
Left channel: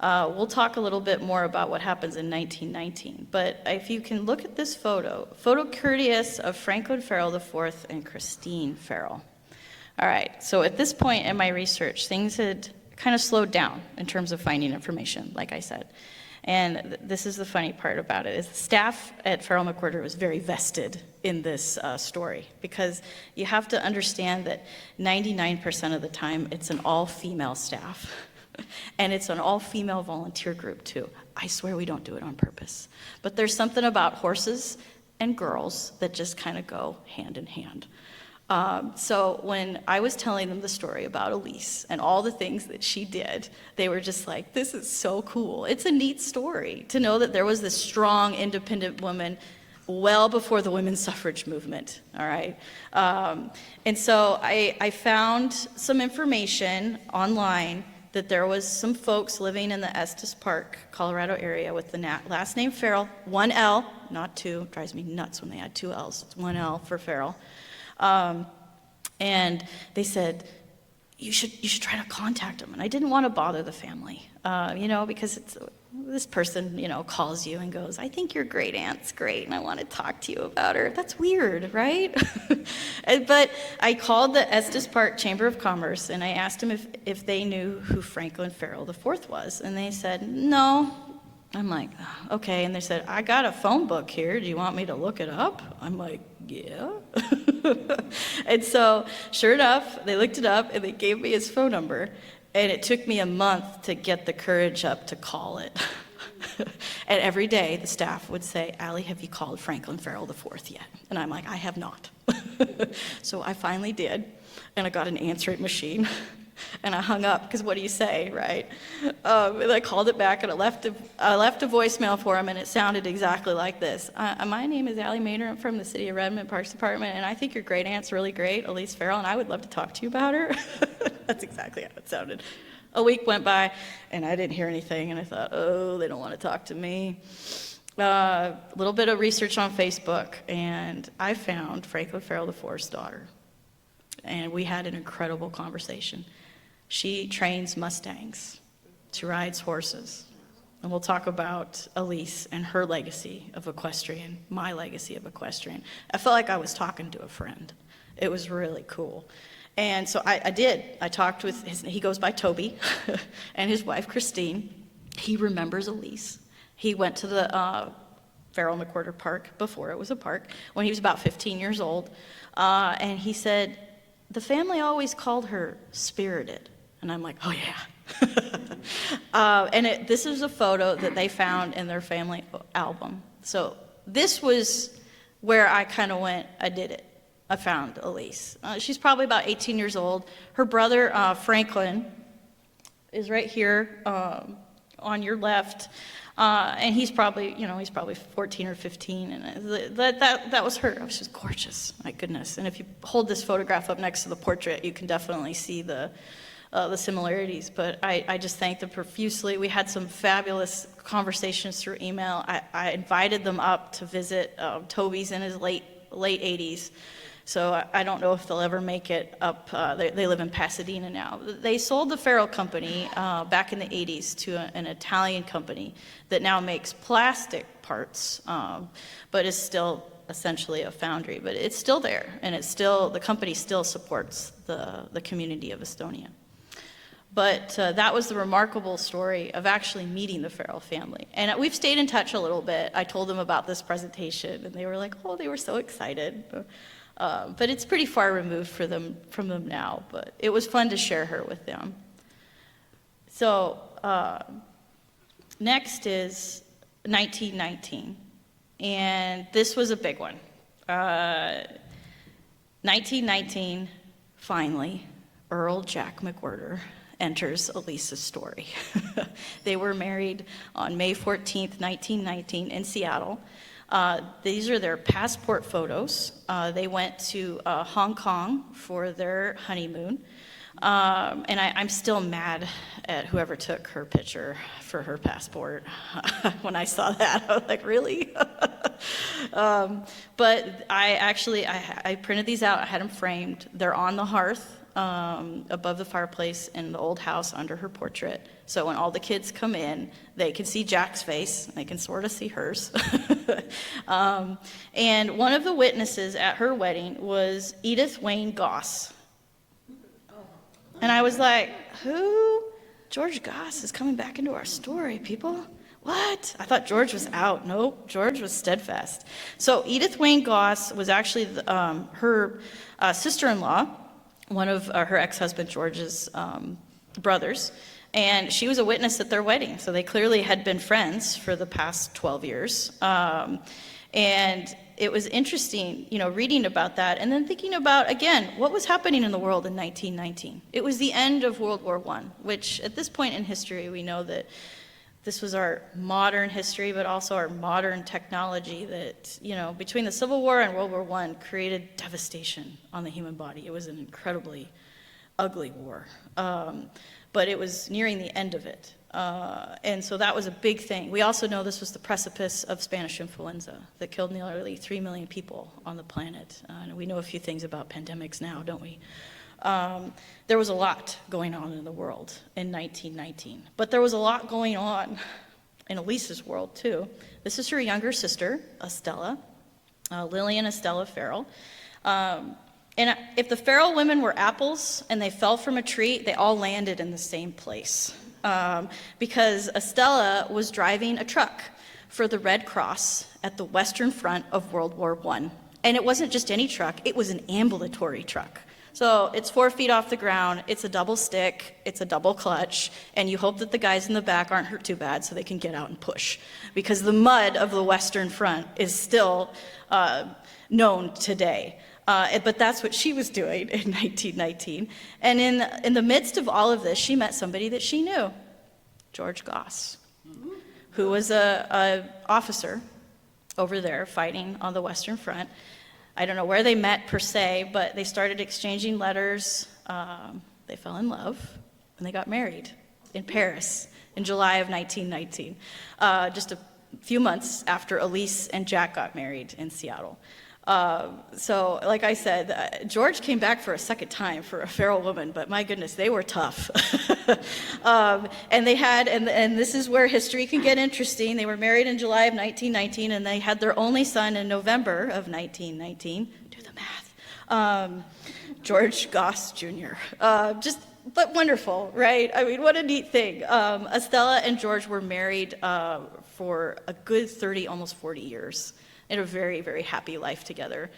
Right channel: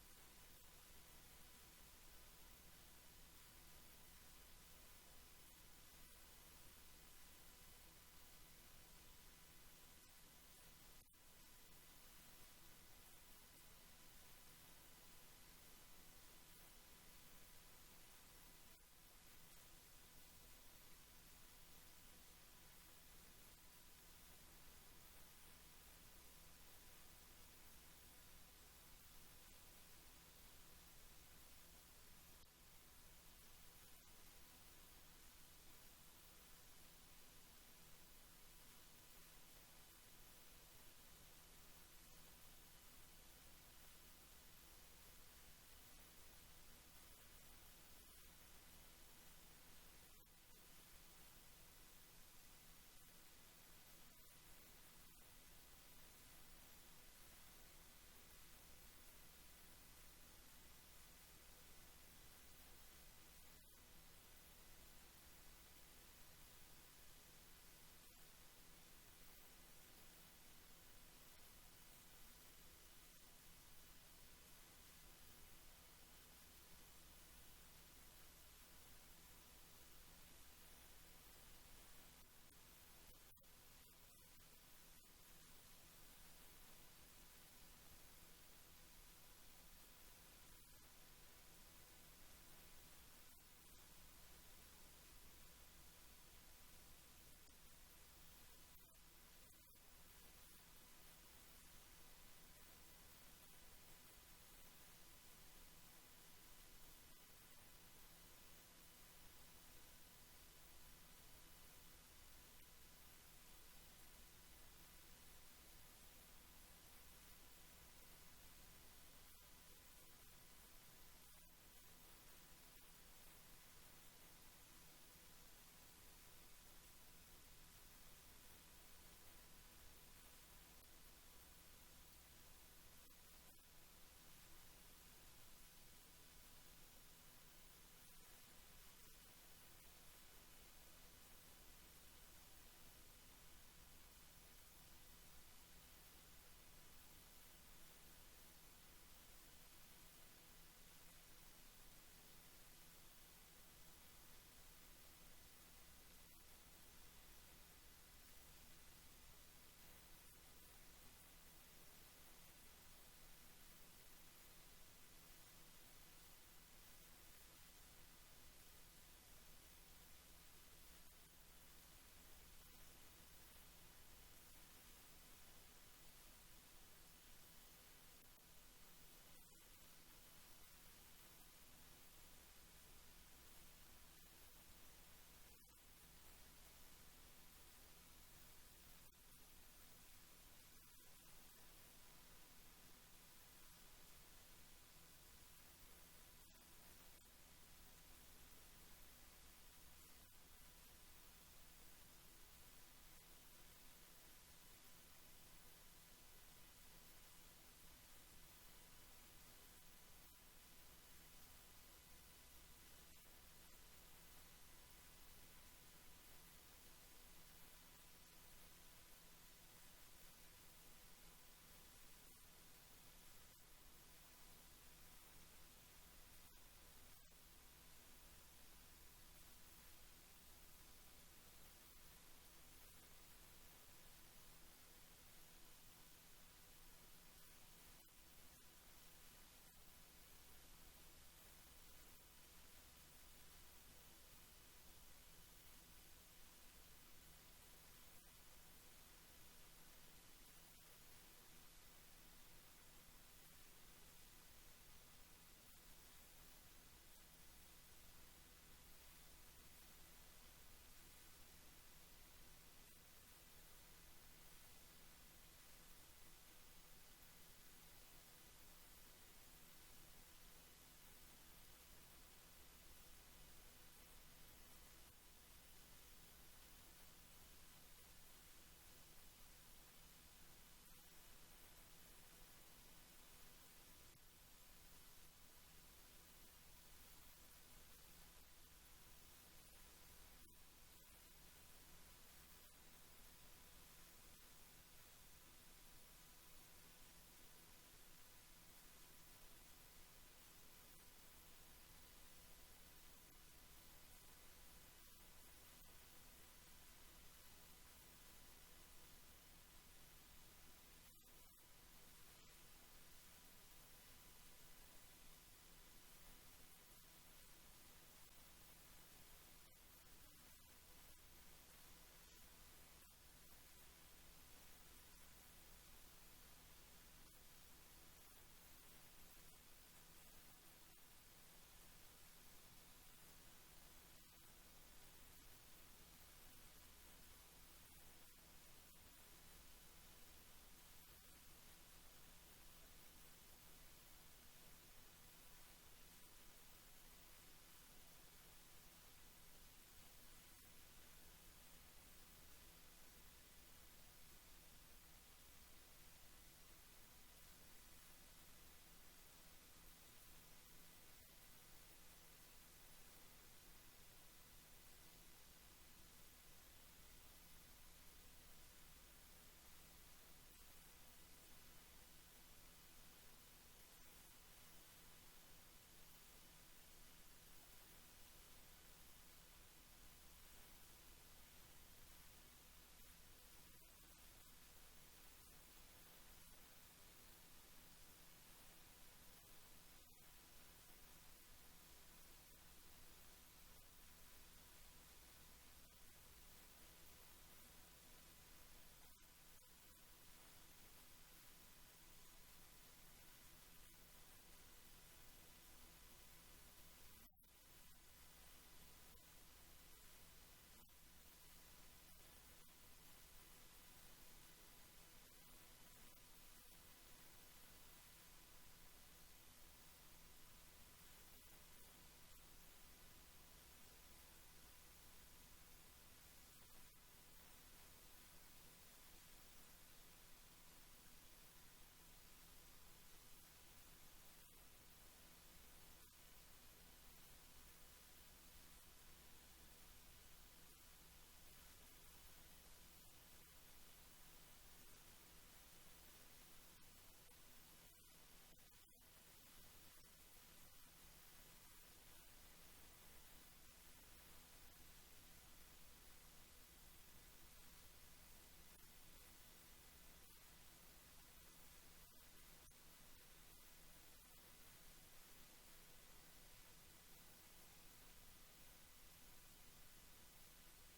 we'll talk a little bit more about what happens in 1919. But if you can look at this photo courteous of Franklin Farrell IV and Christine Farrell. All right, so at this point in my research, things had kind of slowed down in terms of finding information, like I said. And this is the funny part about it, is the staff at Farrell McWhirter was very vested in this story, because you have to understand that 99% of the time it's an all-female staff, and it's an all-female volunteer group too. I swear we don't do it on purpose. But there's something about horses and girls that just kind of go hand in hand. So when I was telling them the story about Elise and all the things that she did, they were just like, this is so cool. It's a neat story to know that there was this strong, independent woman well before the women's suffrage movement, all right? And so I found some information online that there was some folks living in the Estes Park, Colorado area with the last name Farrell, 1 L, not 2, drives me nuts when they add 2 L's, it's 1 L for Farrell. And they said, you should try to contact them. And I didn't want to bother the family, because this person, calls you and goes, I think your great aunt's great, and I want to talk to you about her. That's weird, right? But I called the Estes Park Chamber of Commerce, and I asked them if they knew who Franklin Farrell IV was. And they said, no. I'm like, okay. And they said, I got a phone book here. Do you want me to look it up? I'm like, yeah. And so, sure enough, they looked it up, and they gave me his phone number. And it took me a month to get the courage up to call it. And every day, the staff would say, Allie, have you called Franklin Farrell IV yet? And I'm like, I have not. So I finally did, and I got an answering machine. And I hung up, because what do you say, right? And I called it back, and I left a voicemail for him, and it sounded exactly like this. My name is Allie Maynard. I'm from the City of Redmond Parks Department, and I think your great aunt's really great, Elise Farrell, and I would love to talk to you about her. That's exactly how it sounded. A week went by, and I didn't hear anything, and I thought, oh, they don't want to talk to me. A little bit of research on Facebook, and I found Franklin Farrell IV's daughter, and we had an incredible conversation. She trains Mustangs. She rides horses. And we'll talk about Elise and her legacy of equestrian, my legacy of equestrian. I felt like I was talking to a friend. It was really cool. And so I did. I talked with he goes by Toby, and his wife, Christine. He remembers Elise. He went to the Farrell McWhorter Park before it was a park, when he was about 15 years old. And he said, the family always called her Spirited. And I'm like, oh yeah. This is a photo that they found in their family album. So this was where I kind of went, I did it. I found Elise. She's probably about 18 years old. Her brother, Franklin, is right here on your left. And he's probably, he's probably 14 or 15. And that was her. She was gorgeous, my goodness. And if you hold this photograph up next to the portrait, you can definitely see the similarities. But I just thank them profusely. We had some fabulous conversations through email. I invited them up to visit. Toby's in his late 80s. So I don't know if they'll ever make it up. They live in Pasadena now. They sold the Farrell Company back in the 80s to an Italian company that now makes plastic parts, but is still essentially a foundry. But it's still there, and the company still supports the community of Estonia. But that was the remarkable story of actually meeting the Farrell family. And we've stayed in touch a little bit. I told them about this presentation, and they were like, oh, they were so excited. But it's pretty far removed from them now, but it was fun to share her with them. So next is 1919, and this was a big one. 1919, finally, Earl Jack McWhorter enters Elise's story. They were married on May 14th, 1919 in Seattle. These are their passport photos. They went to Hong Kong for their honeymoon. And I'm still mad at whoever took her picture for her passport. When I saw that, I was like, really? But I printed these out. I had them framed. They're on the hearth above the fireplace in the old house under her portrait. So when all the kids come in, they can see Jack's face, and they can sort of see hers. And one of the witnesses at her wedding was Edith Wayne Goss. And I was like, who? George Goss is coming back into our story, people. What? I thought George was out. Nope, George was steadfast. So Edith Wayne Goss was actually her sister-in-law, one of her ex-husband George's brothers. And she was a witness at their wedding, so they clearly had been friends for the past 12 years. And it was interesting, reading about that, and then thinking about, again, what was happening in the world in 1919. It was the end of World War I, which at this point in history, we know that this was our modern history, but also our modern technology that, between the Civil War and World War I created devastation on the human body. It was an incredibly ugly war. But it was nearing the end of it. And so that was a big thing. We also know this was the precipice of Spanish influenza that killed nearly 3 million people on the planet. And we know a few things about pandemics now, don't we? There was a lot going on in the world in 1919. But there was a lot going on in Elise's world, too. This is her younger sister, Estella, Lillian Estella Farrell. And if the Farrell women were apples and they fell from a tree, they all landed in the same place. Because Estella was driving a truck for the Red Cross at the Western Front of World War I. And it wasn't just any truck, it was an ambulatory truck. So it's 4 feet off the ground, it's a double stick, it's a double clutch, and you hope that the guys in the back aren't hurt too bad so they can get out and push. Because the mud of the Western Front is still known today. But that's what she was doing in 1919. And in the midst of all of this, she met somebody that she knew, George Goss, who was a officer over there fighting on the Western Front. I don't know where they met per se, but they started exchanging letters. They fell in love, and they got married in Paris in July of 1919, just a few months after Elise and Jack got married in Seattle. So, like I said, George came back for a second time for a Farrell woman, but my goodness, they were tough. And they had, and this is where history can get interesting. They were married in July of 1919, and they had their only son in November of 1919. Do the math. George Goss Jr. But wonderful, right? I mean, what a neat thing. Estella and George were married for a good 30, almost 40 years. They had a very, very happy life together.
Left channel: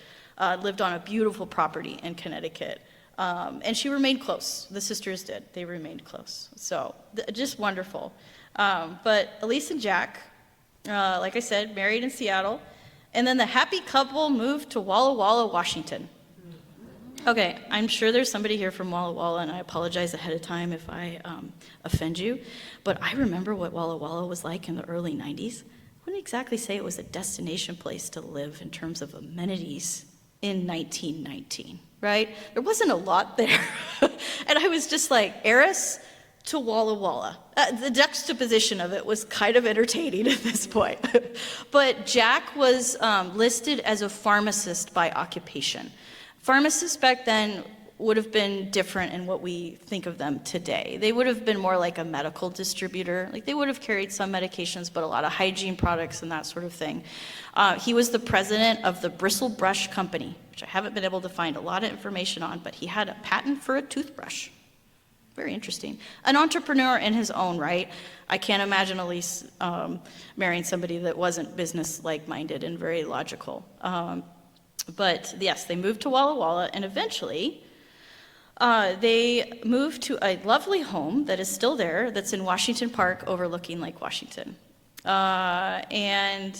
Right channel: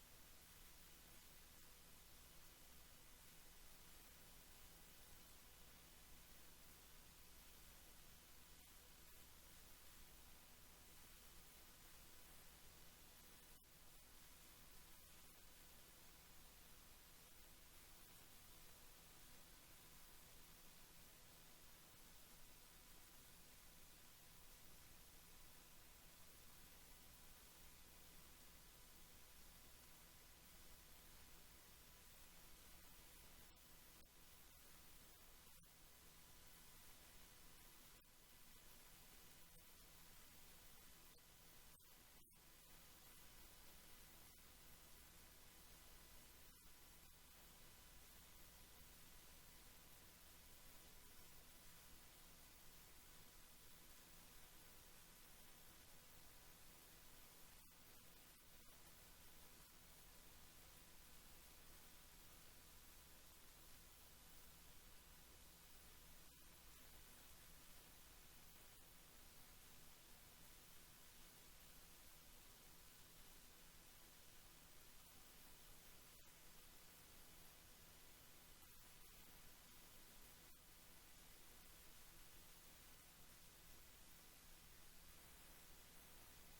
Lived on a beautiful property in Connecticut. And she remained close. The sisters did. They remained close. So just wonderful. But Elise and Jack, like I said, married in Seattle. And then the happy couple moved to Walla Walla, Washington. Okay, I'm sure there's somebody here from Walla Walla, and I apologize ahead of time if I offend you. But I remember what Walla Walla was like in the early 90s. I wouldn't exactly say it was a destination place to live in terms of amenities in 1919, right? There wasn't a lot there. And I was just like, heiress to Walla Walla. The juxtaposition of it was kind of entertaining at this point. But Jack was listed as a pharmacist by occupation. Pharmacists back then would have been different in what we think of them today. They would have been more like a medical distributor. Like they would have carried some medications, but a lot of hygiene products and that sort of thing. He was the president of the Bristle Brush Company, which I haven't been able to find a lot of information on, but he had a patent for a toothbrush. Very interesting. An entrepreneur in his own right. I can't imagine Elise marrying somebody that wasn't business-like minded and very logical. But yes, they moved to Walla Walla, and eventually they moved to a lovely home that is still there, that's in Washington Park overlooking Lake Washington. And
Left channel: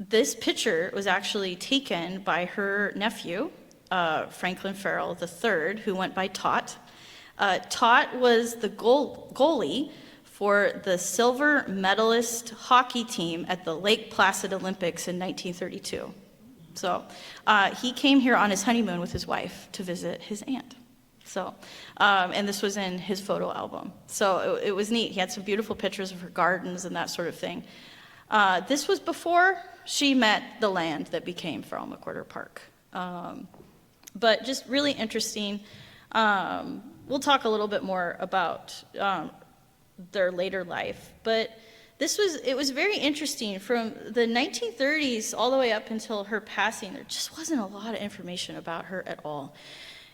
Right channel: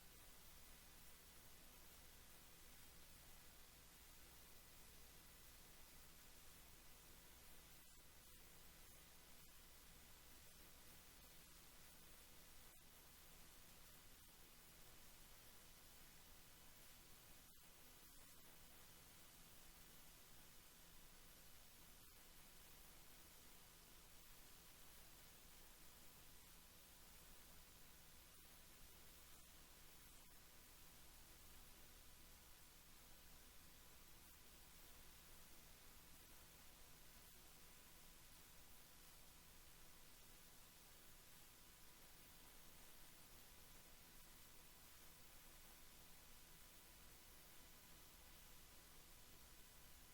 this picture was actually taken by her nephew, Franklin Farrell III, who went by Tot. Tot was the goalie for the silver medalist hockey team at the Lake Placid Olympics in 1932. So he came here on his honeymoon with his wife to visit his aunt. So, and this was in his photo album. So it was neat. He had some beautiful pictures of her gardens and that sort of thing. This was before she met the land that became Farrell McWhirter Park. But just really interesting. We'll talk a little bit more about their later life. But it was very interesting. From the 1930s all the way up until her passing, there just wasn't a lot of information about her at all.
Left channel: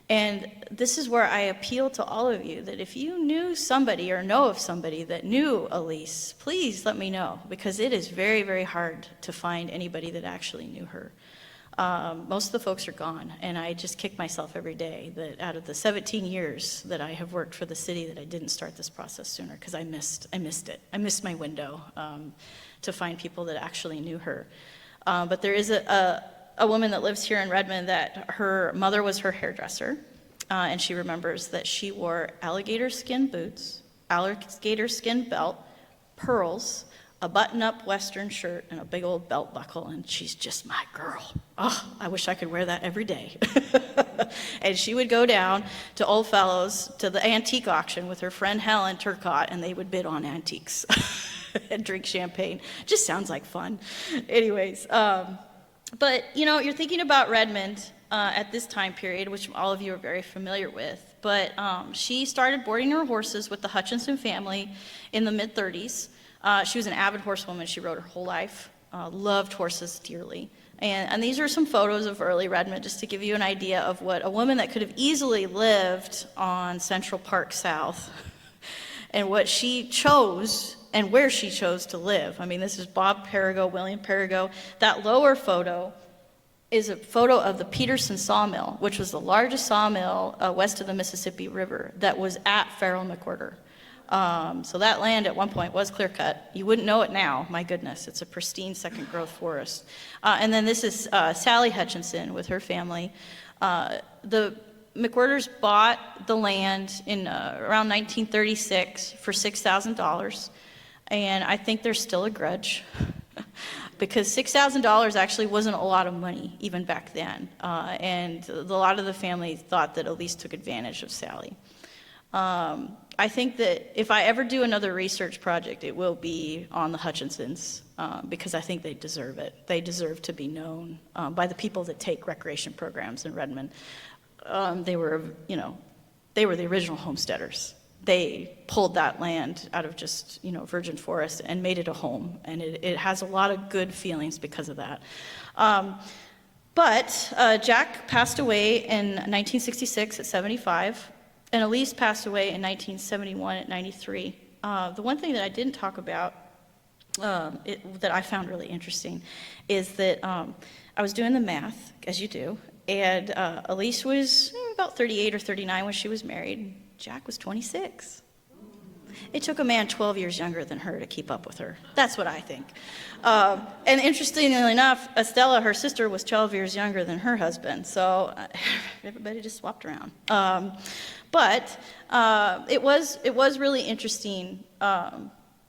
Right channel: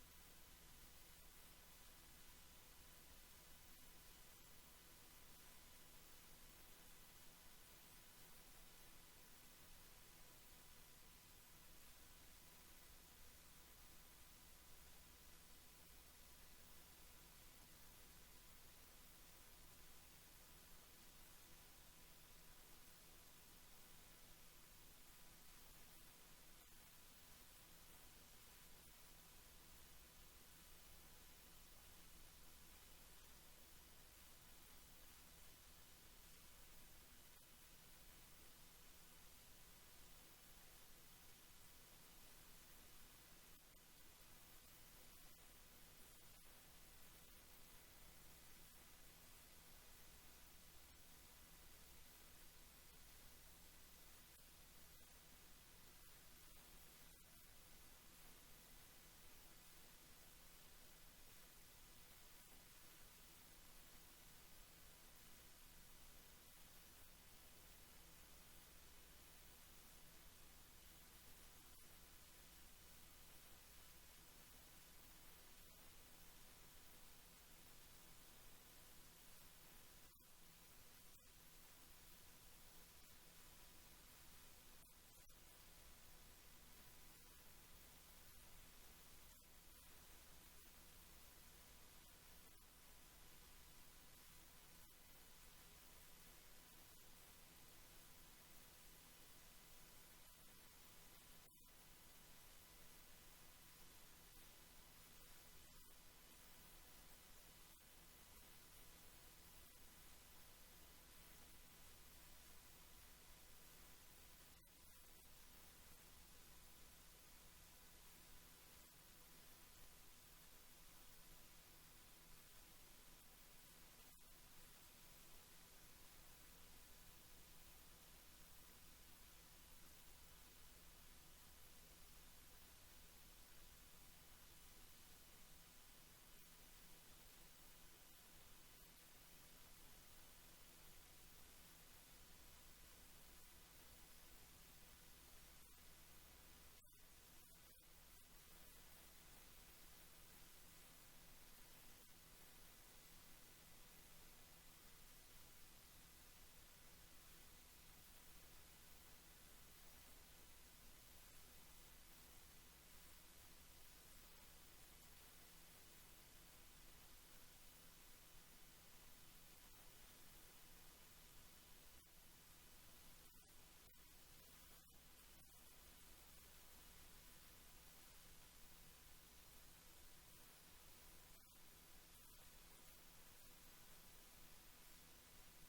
And this is where I appeal to all of you that if you knew somebody or know of somebody that knew Elise, please let me know, because it is very, very hard to find anybody that actually knew her. Most of the folks are gone, and I just kick myself every day that out of the 17 years that I have worked for the city that I didn't start this process sooner, because I missed it. I missed my window to find people that actually knew her. But there is a woman that lives here in Redmond that her mother was her hairdresser, and she remembers that she wore alligator skin boots, alligator skin belt, pearls, a button-up Western shirt, and a big old belt buckle, and she's just my girl. Oh, I wish I could wear that every day. And she would go down to Old Fellows, to the antique auction with her friend Helen Turcotte, and they would bid on antiques and drink champagne. Just sounds like fun. Anyways, but, you know, you're thinking about Redmond at this time period, which all of you are very familiar with. But she started boarding her horses with the Hutchinson family in the mid-30s. She was an avid horsewoman. She rode her whole life, loved horses dearly. And these are some photos of early Redmond, just to give you an idea of what a woman that could have easily lived on Central Park South and what she chose and where she chose to live. I mean, this is Bob Perigo, William Perigo. That lower photo is a photo of the Peterson Sawmill, which was the largest sawmill west of the Mississippi River that was at Farrell McWhirter. So that land at one point was clear cut. You wouldn't know it now, my goodness. It's a pristine second growth forest. And then this is Sally Hutchinson with her family. The McWhirters bought the land in around 1936 for $6,000. And I think there's still a grudge because $6,000 actually wasn't a lot of money even back then. And a lot of the family thought that Elise took advantage of Sally. I think that if I ever do another research project, it will be on the Hutchinsons because I think they deserve it. They deserve to be known by the people that take recreation programs in Redmond. They were the original homesteaders. They pulled that land out of just, virgin forest and made it a home. And it has a lot of good feelings because of that. But Jack passed away in 1966 at 75. And Elise passed away in 1971 at 93. The one thing that I didn't talk about that I found really interesting is that I was doing the math, as you do, and Elise was about 38 or 39 when she was married. Jack was 26. It took a man 12 years younger than her to keep up with her. That's what I think. And interestingly enough, Estella, her sister, was 12 years younger than her husband. So everybody just swapped around. But it was really interesting.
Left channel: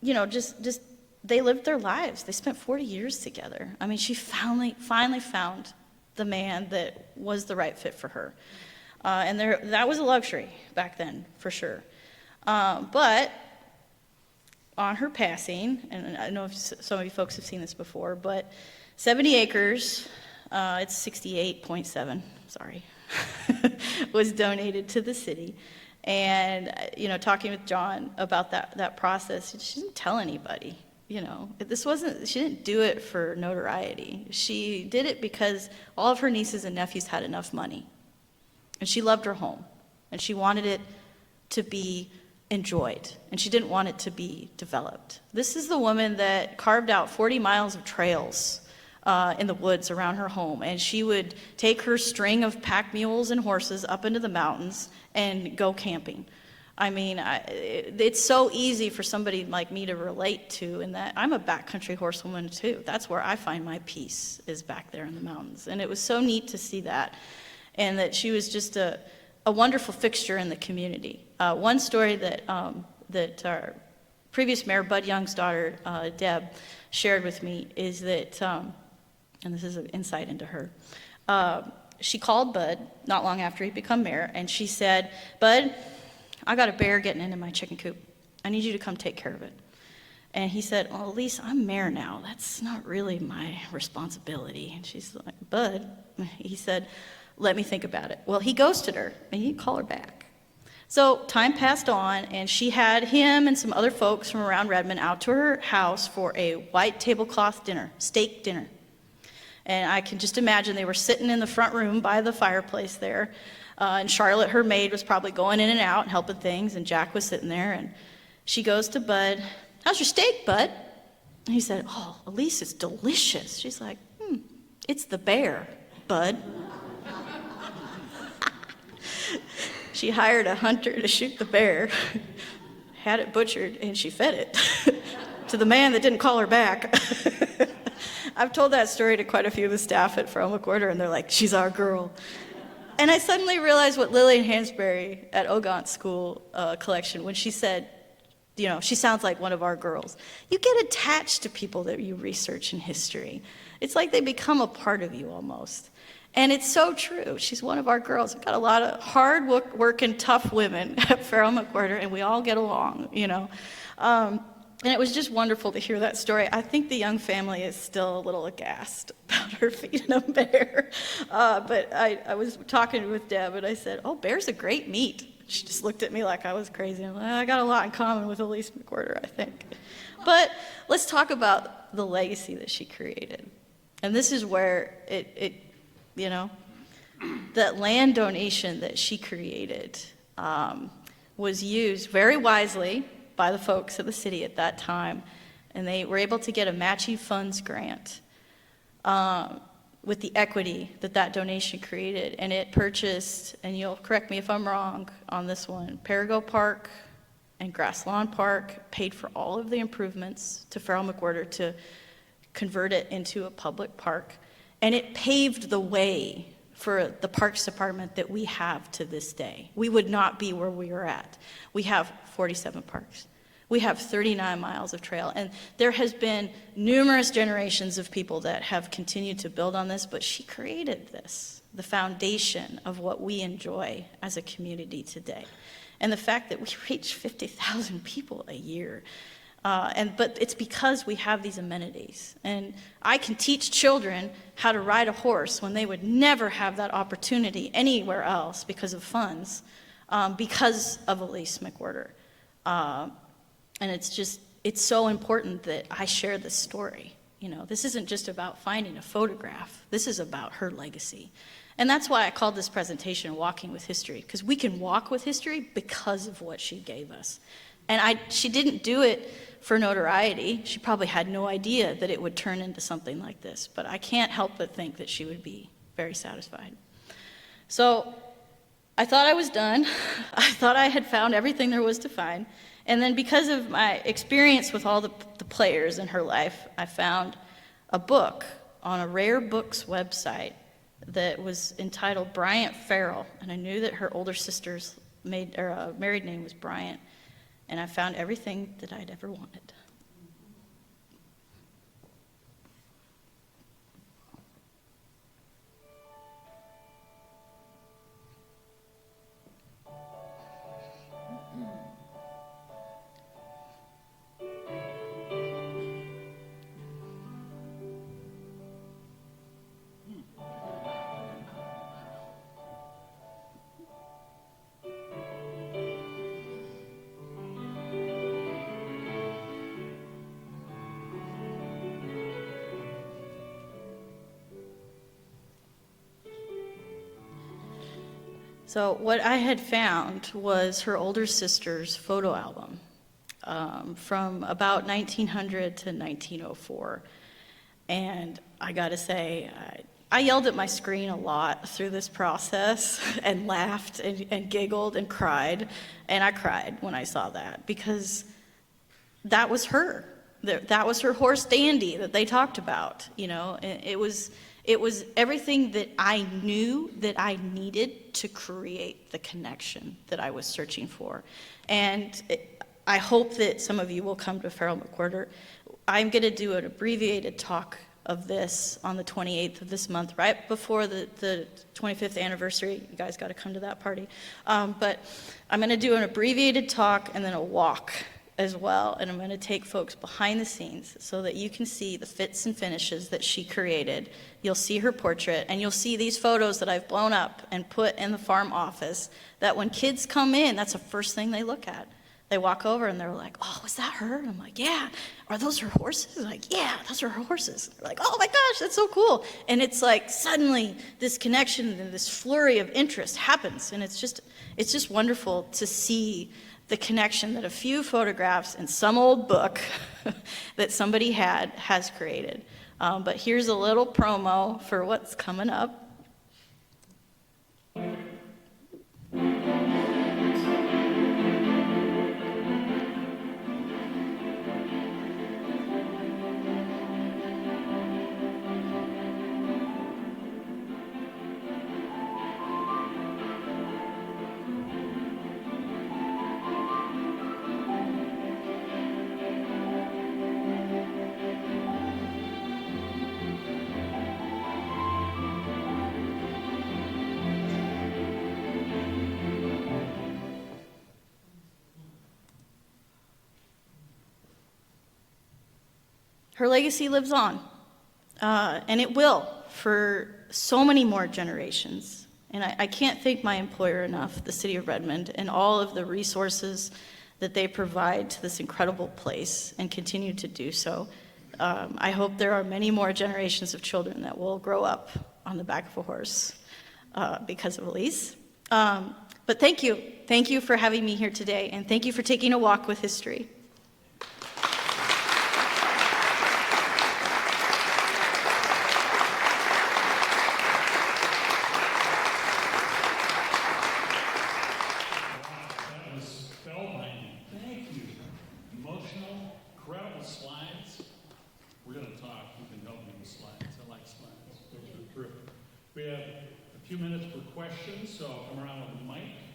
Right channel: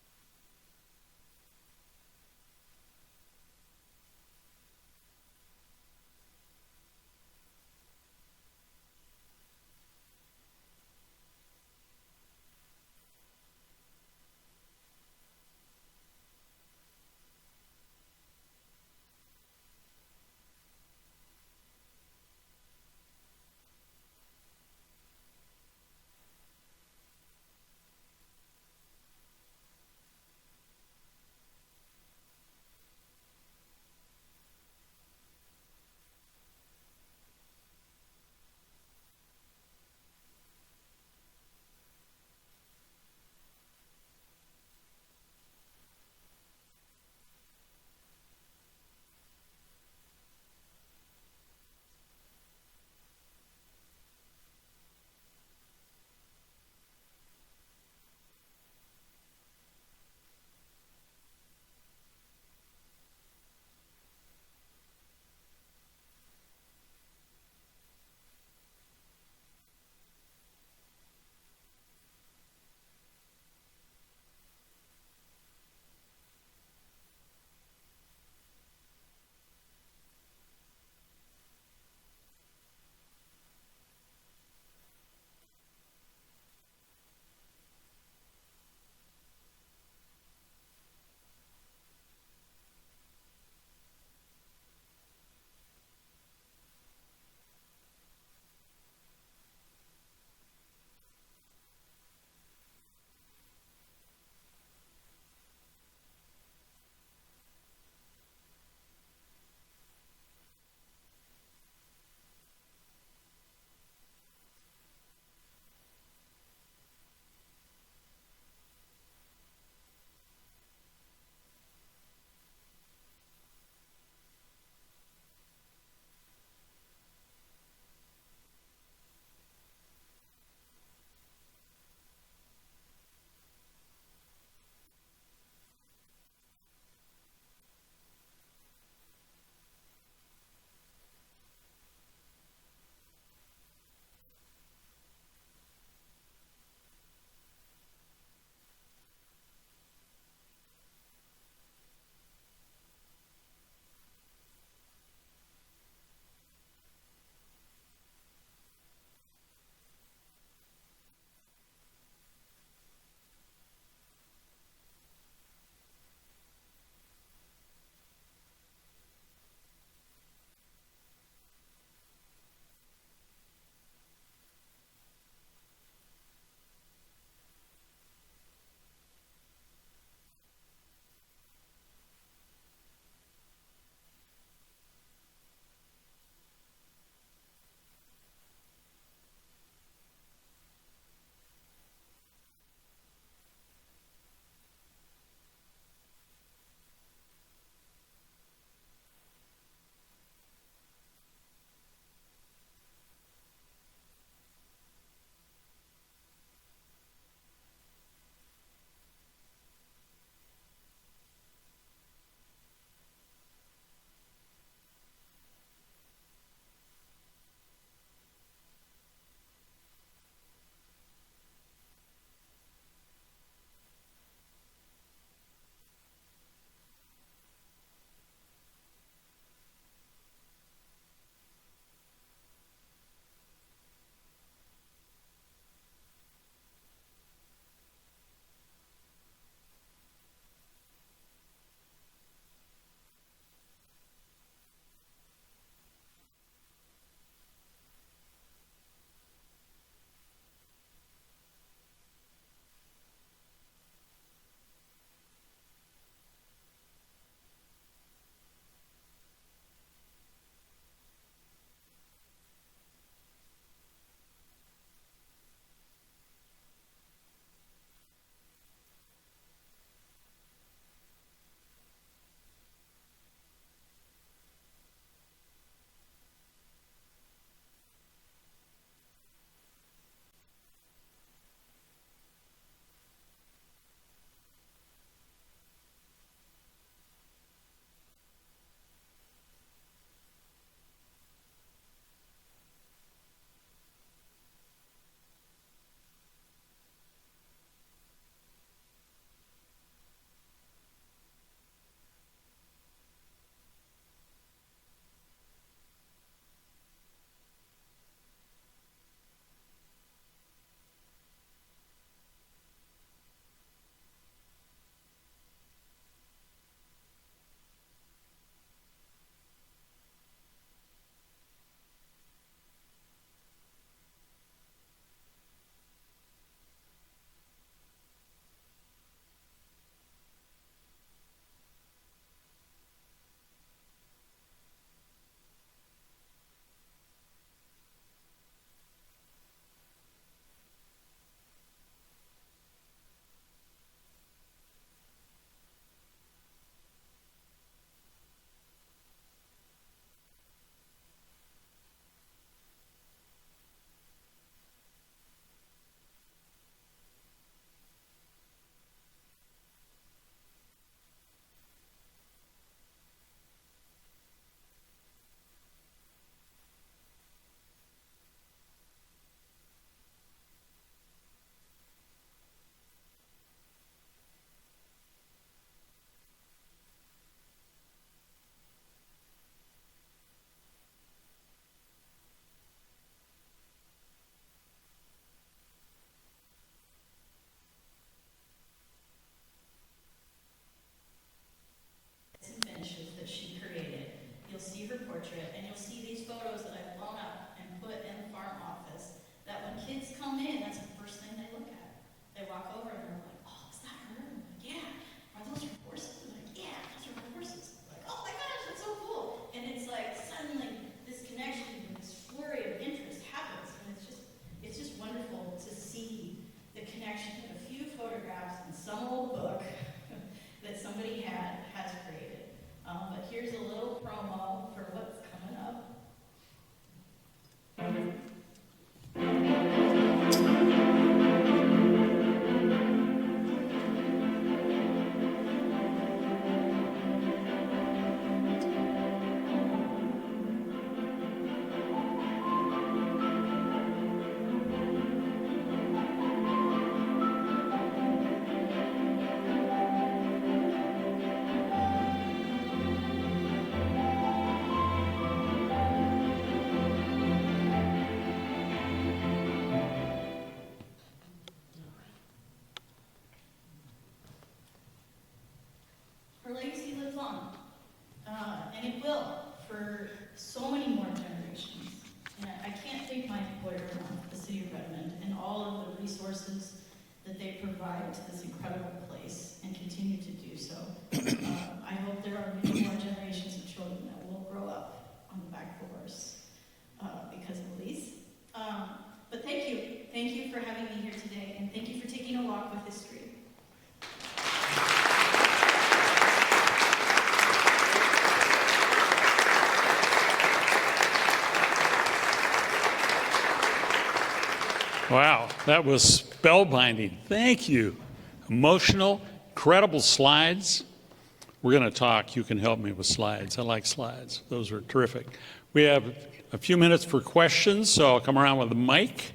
Just they lived their lives. They spent 40 years together. I mean, she finally found the man that was the right fit for her. And that was a luxury back then, for sure. But on her passing, and I know some of you folks have seen this before, but 70 acres, it's 68.7, sorry, was donated to the city. And, talking with John about that process, she didn't tell anybody, she didn't do it for notoriety. She did it because all of her nieces and nephews had enough money. And she loved her home. And she wanted it to be enjoyed, and she didn't want it to be developed. This is the woman that carved out 40 miles of trails in the woods around her home, and she would take her string of pack mules and horses up into the mountains and go camping. I mean, it's so easy for somebody like me to relate to, in that I'm a backcountry horsewoman too. That's where I find my peace, is back there in the mountains. And it was so neat to see that, and that she was just a wonderful fixture in the community. One story that our previous mayor, Bud Young's daughter, Deb, shared with me is that, and this is an insight into her, she called Bud not long after he'd become mayor, and she said, "Bud, I got a bear getting into my chicken coop. I need you to come take care of it." And he said, "Oh, Elise, I'm mayor now. That's not really my responsibility." And she's like, "Bud," he said, "let me think about it." Well, he ghosted her, and he didn't call her back. So time passed on, and she had him and some other folks from around Redmond out to her house for a white tablecloth dinner, steak dinner. And I can just imagine they were sitting in the front room by the fireplace there, and Charlotte, her maid, was probably going in and out and helping things, and Jack was sitting there, and she goes to Bud, "How's your steak, Bud?" And he said, "Oh, Elise, it's delicious." She's like, "It's the bear, Bud." She hired a hunter to shoot the bear, had it butchered, and she fed it to the man that didn't call her back. I've told that story to quite a few of the staff at Farrell McWhorter, and they're like, "She's our girl." And I suddenly realized what Lillian Hansberry at Ogant School Collection, when she said, she sounds like one of our girls. You get attached to people that you research in history. It's like they become a part of you almost. And it's so true. She's one of our girls. We've got a lot of hard-working, tough women at Farrell McWhorter, and we all get along, And it was just wonderful to hear that story. I think the Young family is still a little aghast about her feeding a bear. But I was talking with Deb, and I said, "Oh, bear's a great meat." She just looked at me like I was crazy. I'm like, I got a lot in common with Elise McWhorter, I think. But let's talk about the legacy that she created. And this is where that land donation that she created was used very wisely by the folks of the city at that time, and they were able to get a matching funds grant with the equity that donation created, and it purchased, and you'll correct me if I'm wrong on this one, Perigo Park and Grass Lawn Park, paid for all of the improvements to Farrell McWhorter to convert it into a public park, and it paved the way for the Parks Department that we have to this day. We would not be where we are at. We have 47 parks. We have 39 miles of trail, and there has been numerous generations of people that have continued to build on this, but she created this, the foundation of what we enjoy as a community today. And the fact that we reach 50,000 people a year, but it's because we have these amenities. And I can teach children how to ride a horse when they would never have that opportunity anywhere else because of funds, because of Elise McWhorter. And it's so important that I share this story. This isn't just about finding a photograph. This is about her legacy. And that's why I called this presentation Walking with History, because we can walk with history because of what she gave us. And she didn't do it for notoriety. She probably had no idea that it would turn into something like this, but I can't help but think that she would be very satisfied. So I thought I was done. I thought I had found everything there was to find. And then because of my experience with all the players in her life, I found a book on a Rare Books website that was entitled Bryant Farrell, and I knew that her older sister's married name was Bryant, and I found everything that I'd ever wanted. So what I had found was her older sister's photo album from about 1900 to 1904. And I gotta say, I yelled at my screen a lot through this process and laughed and giggled and cried. And I cried when I saw that because that was her. That was her horse Dandy that they talked about, you know. It was everything that I knew that I needed to create the connection that I was searching for. And I hope that some of you will come to Farrell McWhirter. I'm going to do an abbreviated talk of this on the 28th of this month, right before the 25th anniversary. You guys got to come to that party. But I'm going to do an abbreviated talk and then a walk as well. And I'm going to take folks behind the scenes so that you can see the fits and finishes that she created. You'll see her portrait, and you'll see these photos that I've blown up and put in the farm office that when kids come in, that's the first thing they look at. They walk over and they're like, oh, is that her? And I'm like, yeah. Are those her horses? Like, yeah, those are her horses. They're like, oh my gosh, that's so cool. And it's like suddenly this connection and this flurry of interest happens. And it's just wonderful to see the connection that a few photographs and some old book that somebody has created. But here's a little promo for what's coming up. Her legacy lives on, and it will for so many more generations. And I can't thank my employer enough, the City of Redmond, and all of the resources that they provide to this incredible place and continue to do so. I hope there are many more generations of children that will grow up on the back of a horse because of Elise. But thank you. Thank you for having me here today, and thank you for taking a walk with history. Wow, that was spellbinding. Thank you. Emotional, credible slides. We're going to talk. You can help me with slides. I like slides. Those are terrific. We have a few minutes for questions, so I'll come around with the mic.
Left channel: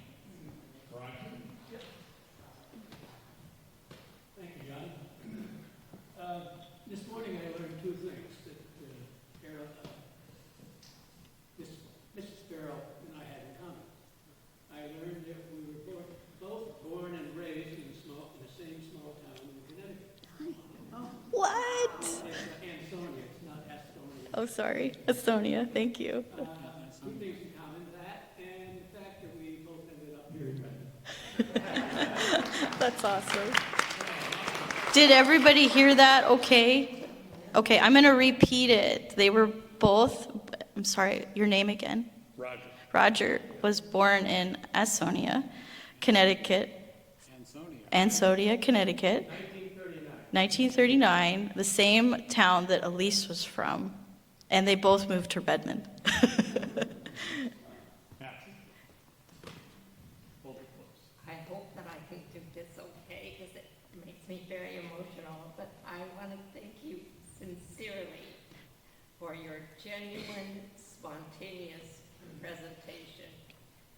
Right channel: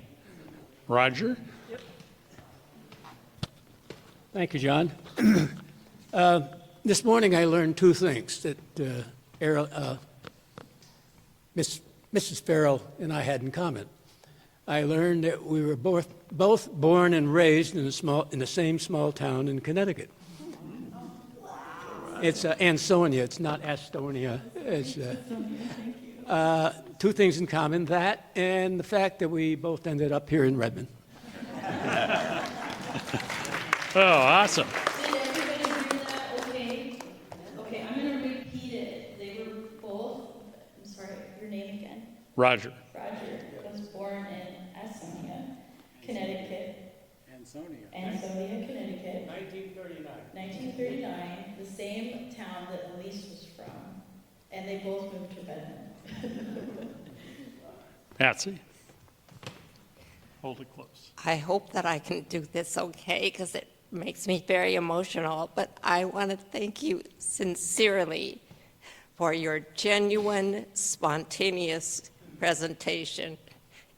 Roger? Thank you, John. This morning I learned two things that Mrs. Farrell and I had in common. I learned that we were both born and raised in the same small town in Connecticut. What? It's Ansonia. It's not Astonia. Oh, sorry. It's, Estonia, thank you. two things in common, that and the fact that we both ended up here in Redmond. That's awesome. Oh, awesome. Did everybody hear that okay? Okay, I'm going to repeat it. They were both, I'm sorry, your name again? Roger. Roger was born in Ansonia, Connecticut. Ansonia, Connecticut. 1939, the same town that Elise was from, and they both moved to Redmond. Patsy? Hold it close. I hope that I can do this okay, because it makes me very emotional, but I want to thank you sincerely for your genuine, spontaneous presentation.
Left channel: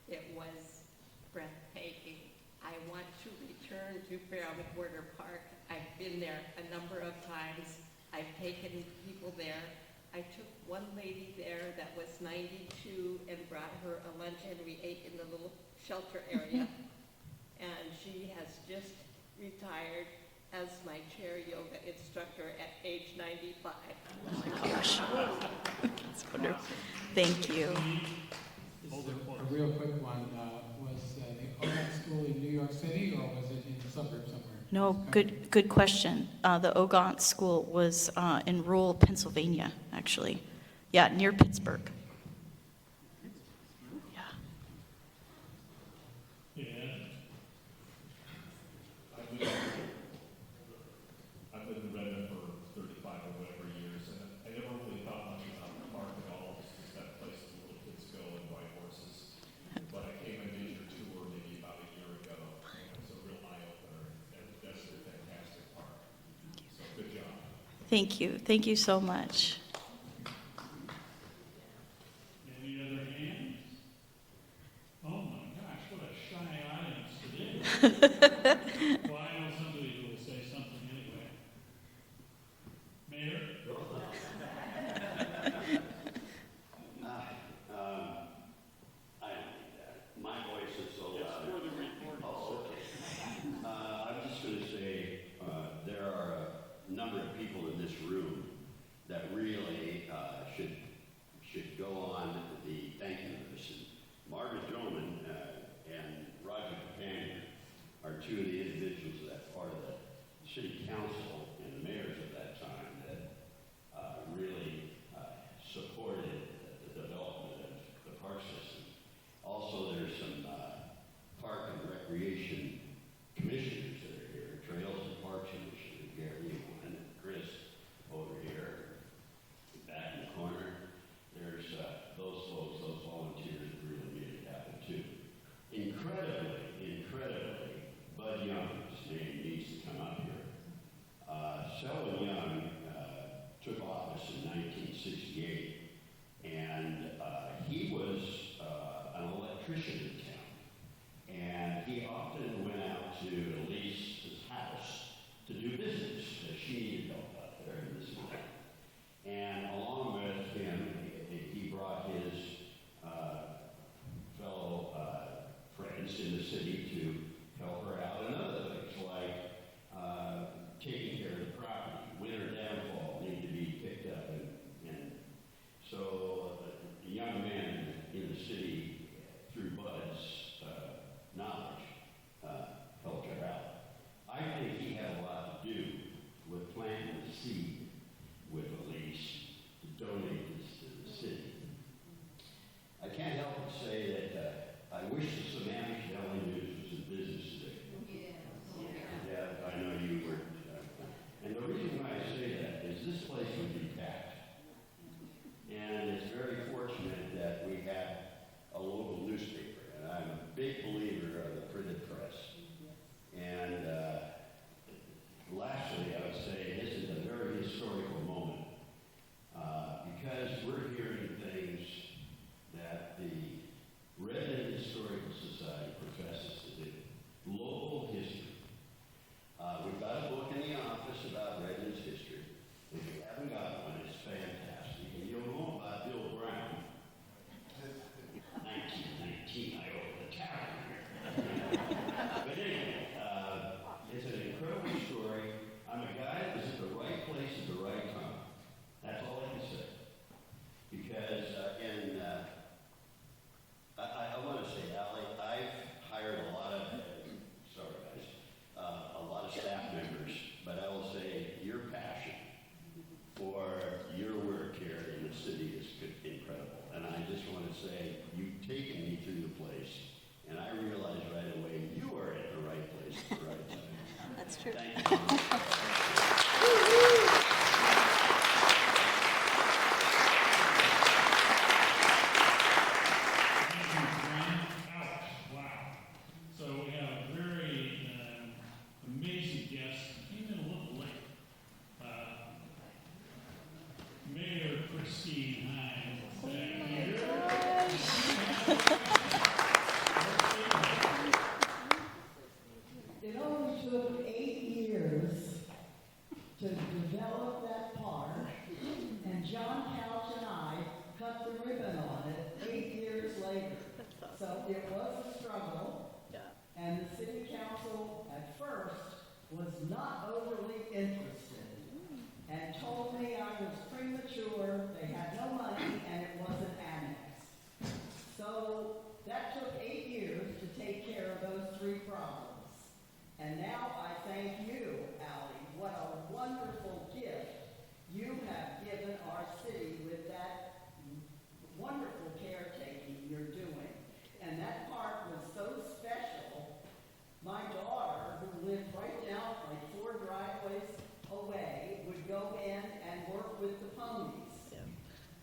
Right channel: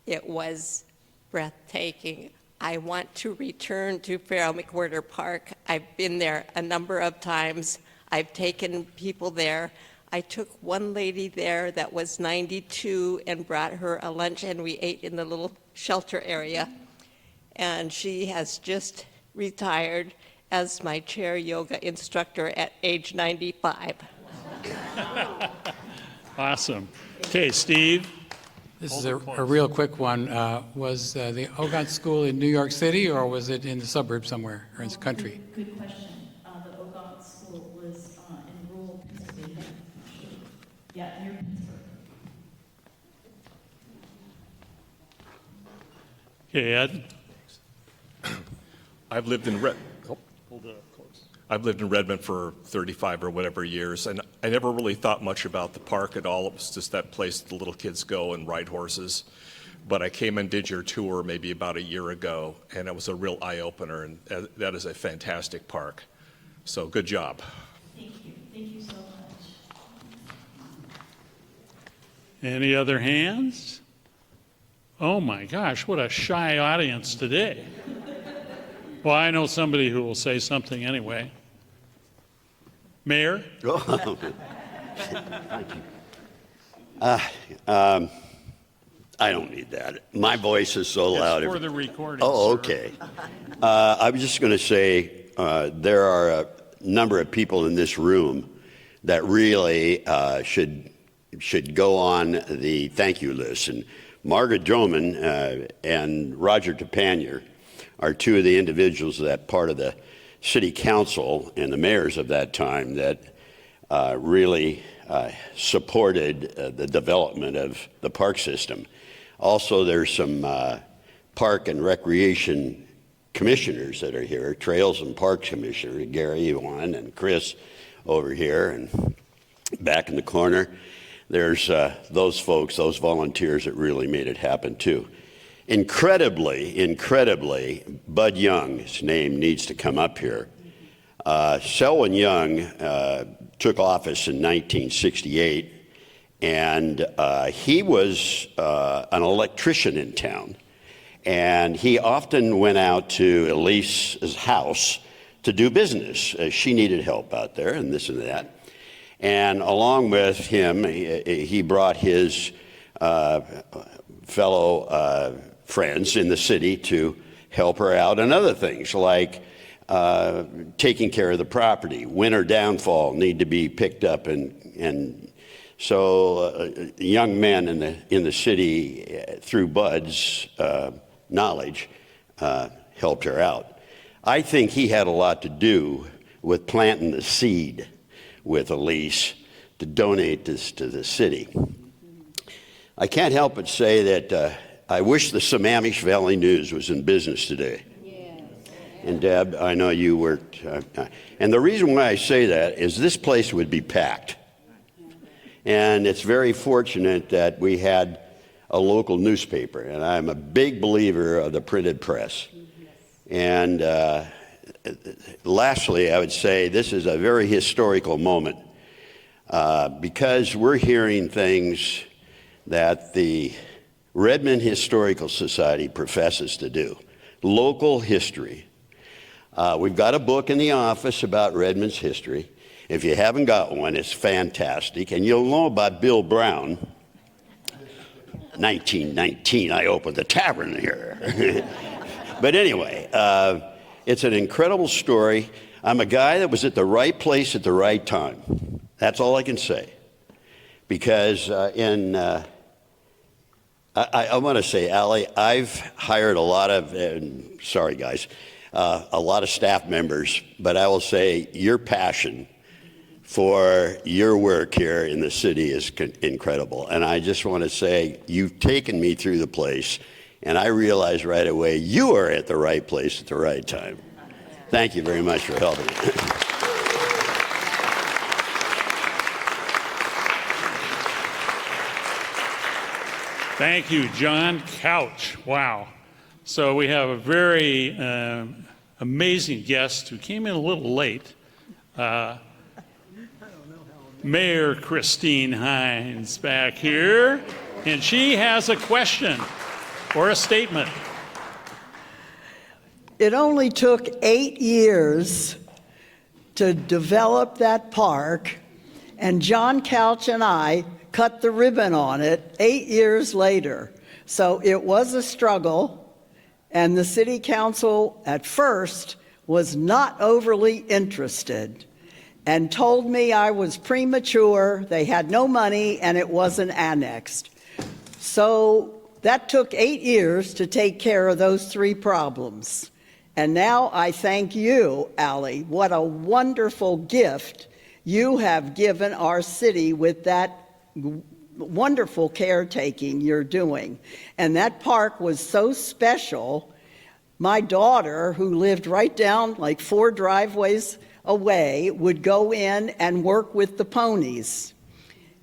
It was breathtaking. I want to return to Farrell McWhirter Park. I've been there a number of times. I've taken people there. I took one lady there that was 92 and brought her a lunch, and we ate in the little shelter area. And she has just retired as my chair yoga instructor at age 95. Awesome. Thank Okay, you. Steve? This is a real quick one. Was the Ogot School in New York City, or was it in the suburbs somewhere, or in No, the country? good question. The Ogot School was in rural Pennsylvania, actually. Yeah, near Pittsburgh. Okay, Ed? I've lived in Redmond for 35 or whatever years, and I never really thought much about the park at all. It was just that place the little kids go and ride horses. But I came and did your tour maybe about a year ago, and it was a real eye-opener, and that is a fantastic park. So good job. Thank you. Thank you so much. Any other hands? Oh my gosh, what a shy audience today. Well, I know somebody who will say something anyway. Mayor? I don't need that. My voice is so loud. It's for the recording. Oh, sir. okay. I was just going to say there are a number of people in this room that really should go on the thank you list. And Margaret Droman and Roger Tepanier are two of the individuals that part of the city council and the mayors of that time that really supported the development of the park system. Also, there's some park and recreation commissioners that are here, Trails and Parks Commissioner, Gary, Ewan, and Chris over here, and back in the corner. There's those folks, those volunteers that really made it happen too. Incredibly, Bud Young, his name needs to come up here. Selwyn Young took office in 1968, and he was an electrician in town. And he often went out to Elise's house to do business. She needed help out there and this and that. And along with him, he brought his fellow friends in the city to help her out and other things like taking care of the property. Winter downfall need to be picked up, and so young men in the city, through Bud's knowledge, helped her out. I think he had a lot to do with planting the seed with Elise to donate this to the city. I can't help but say that I wish the Sammamish Valley News was in business today. And Deb, I know you worked. And the reason why I say that is this place would be packed. And it's very fortunate that we had a local newspaper. And I'm a big believer of the printed press. And lastly, I would say this is a very historical moment because we're hearing things that the Redmond Historical Society professes to do. Local history. We've got a book in the office about Redmond's history. If you haven't got one, it's fantastic. And you'll know about Bill Brown. 1919, I opened the tavern here. But anyway, it's an incredible story. I'm a guy that was at the right place at the right time. That's all I can say. Because I want to say, Allie, I've hired a lot of, sorry guys, a lot of staff members, but I will say your passion for your work here in the city is incredible. And I just want to say you've taken me through the place, and I realized right away you are at the right place at the right time. Thank you very much for helping. Thank you, John Couch. Wow. So we have a very amazing guest who came in a little late. Mayor Christine Hines back here, and she has a question or a statement. It only took 8 years to develop that park, and John Couch and I cut the ribbon on it 8 years later. So it was a struggle, and the city council at first was not overly interested and told me I was premature, they had no money, and it wasn't annexed. So that took 8 years to take care of those 3 problems. And now I thank you, Allie. What a wonderful gift you have given our city with that wonderful caretaking you're doing. And that park was so special. My daughter, who lived right down like 4 driveways away, would go in and work with the ponies.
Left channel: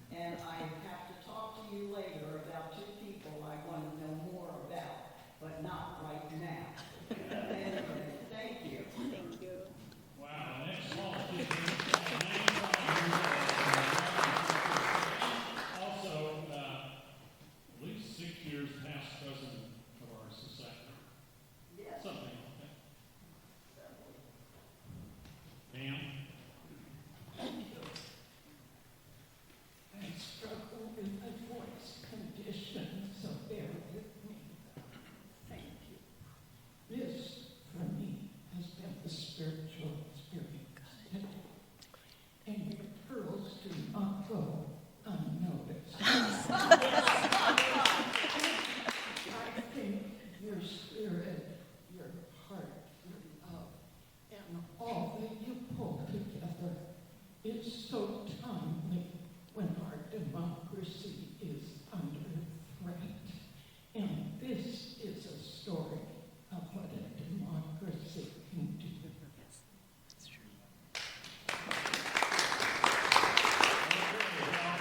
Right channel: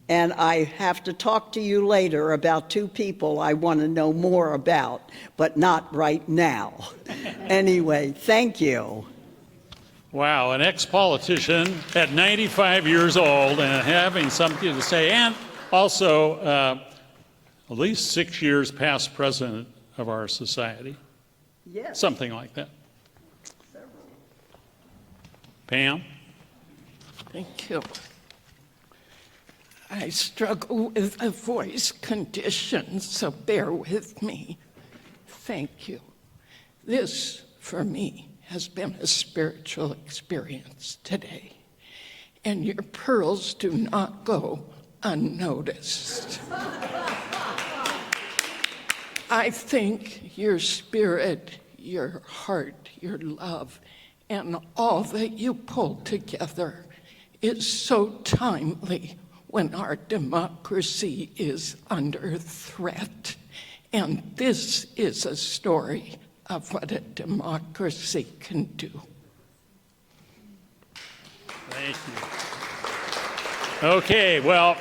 And I have to talk to you later about 2 people I want to know more about, but not right now. Anyway, thank you. Wow, an ex-politician at 95 years old and having something to say, and also at least 6 years past president of our society. Yes. Something like that. Pam? Thank you. I struggle with a voice condition, so bear with me. Thank you. This, for me, has been a spiritual experience today, and your pearls do not go unnoticed. I think your spirit, your heart, your love, and all that you pull together is so timely when our democracy is under threat. And this is a story of what a democracy can do. Thank you. Okay, well,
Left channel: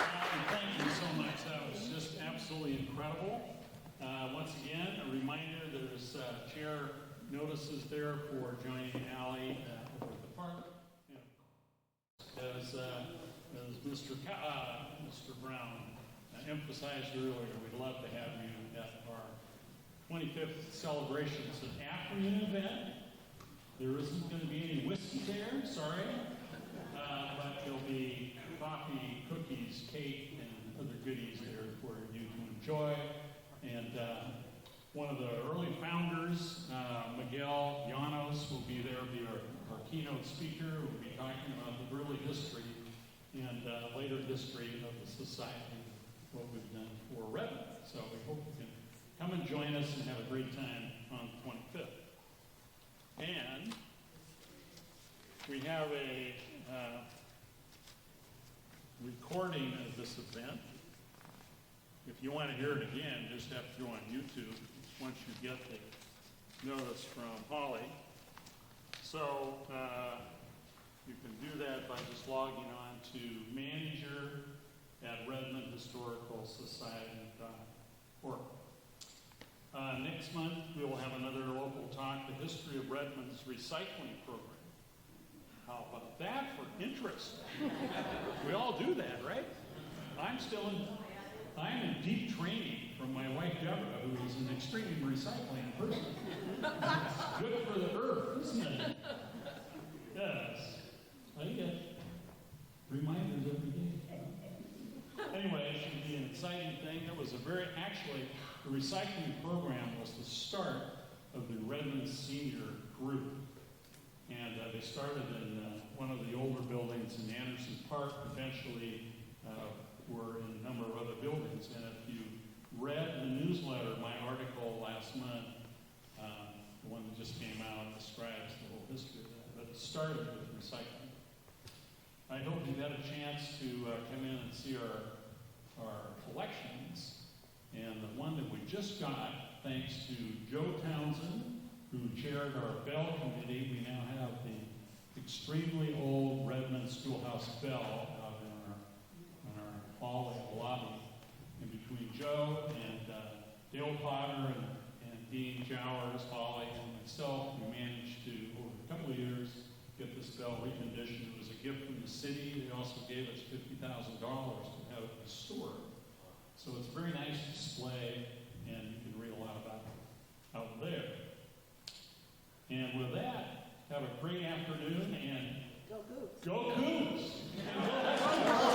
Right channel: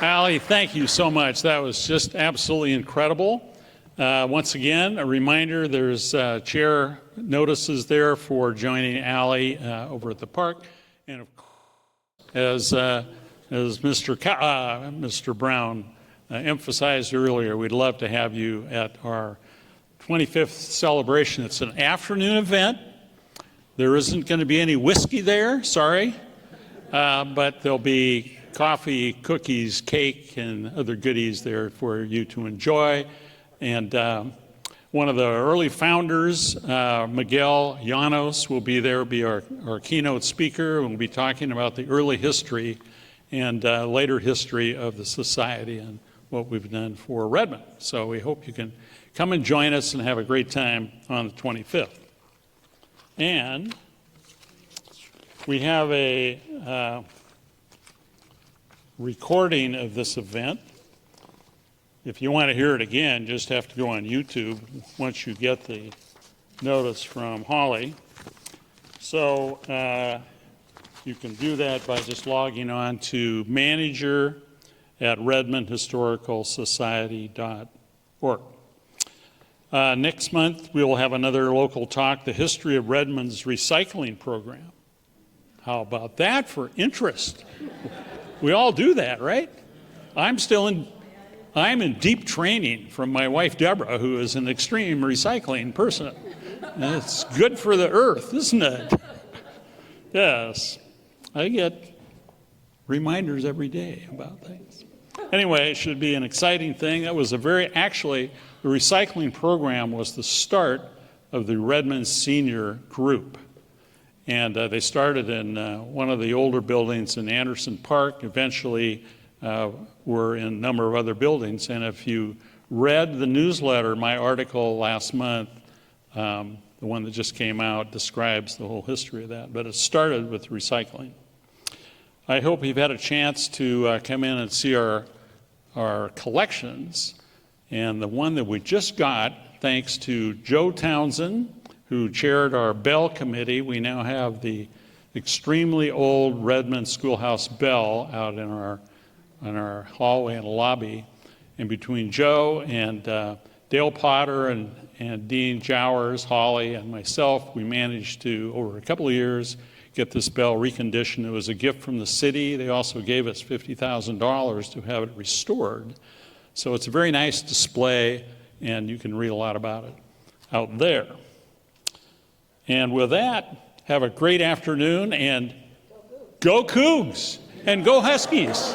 Allie, thank you so much. That was just absolutely incredible. Once again, a reminder, there's chair notices there for joining Allie over at the park. And of course, as Mr. Brown emphasized earlier, we'd love to have you at our 25th celebration. It's an afternoon event. There isn't going to be any whiskey there, sorry, but there'll be coffee, cookies, cake, and other goodies there for you to enjoy. And one of the early founders, Miguel Llanos, will be there, be our keynote speaker. We'll be talking about the early history and later history of the society and what we've done for Redmond. So we hope you can come and join us and have a great time on the 25th. And we have a recording of this event. If you want to hear it again, just have to go on YouTube once you get the notice from Holly. So you can do that by just logging on to manager@redmondhistoricalsociety.org. Next month, we will have another local talk, the history of Redmond's recycling program. How about that for interest? We all do that, right? I'm in deep training from my wife, Deborah, who is an extreme recycling person. And it's good for the earth, isn't it? Yes. I get reminders every day about things. Anyway, it should be an exciting thing. That was the recycling program was the start of the Redmond Senior Group. And they started in one of the older buildings in Anderson Park, eventually were in a number of other buildings. And if you read the newsletter, my article last month, the one that just came out, describes the whole history of that. But it started with recycling. I hope you've had a chance to come in and see our collections. And the one that we just got, thanks to Joe Townsend, who chaired our bell committee, we now have the extremely old Redmond Schoolhouse bell out in our hallway and lobby. And between Joe and Dale Potter and Dean Jowers, Holly, and myself, we managed to, over a couple of years, get this bell reconditioned. It was a gift from the city. They also gave us $50,000 to have it restored. So it's a very nice display, and you can read a lot about it out there. And with that, have a great afternoon, and go Cougs, and go Huskies.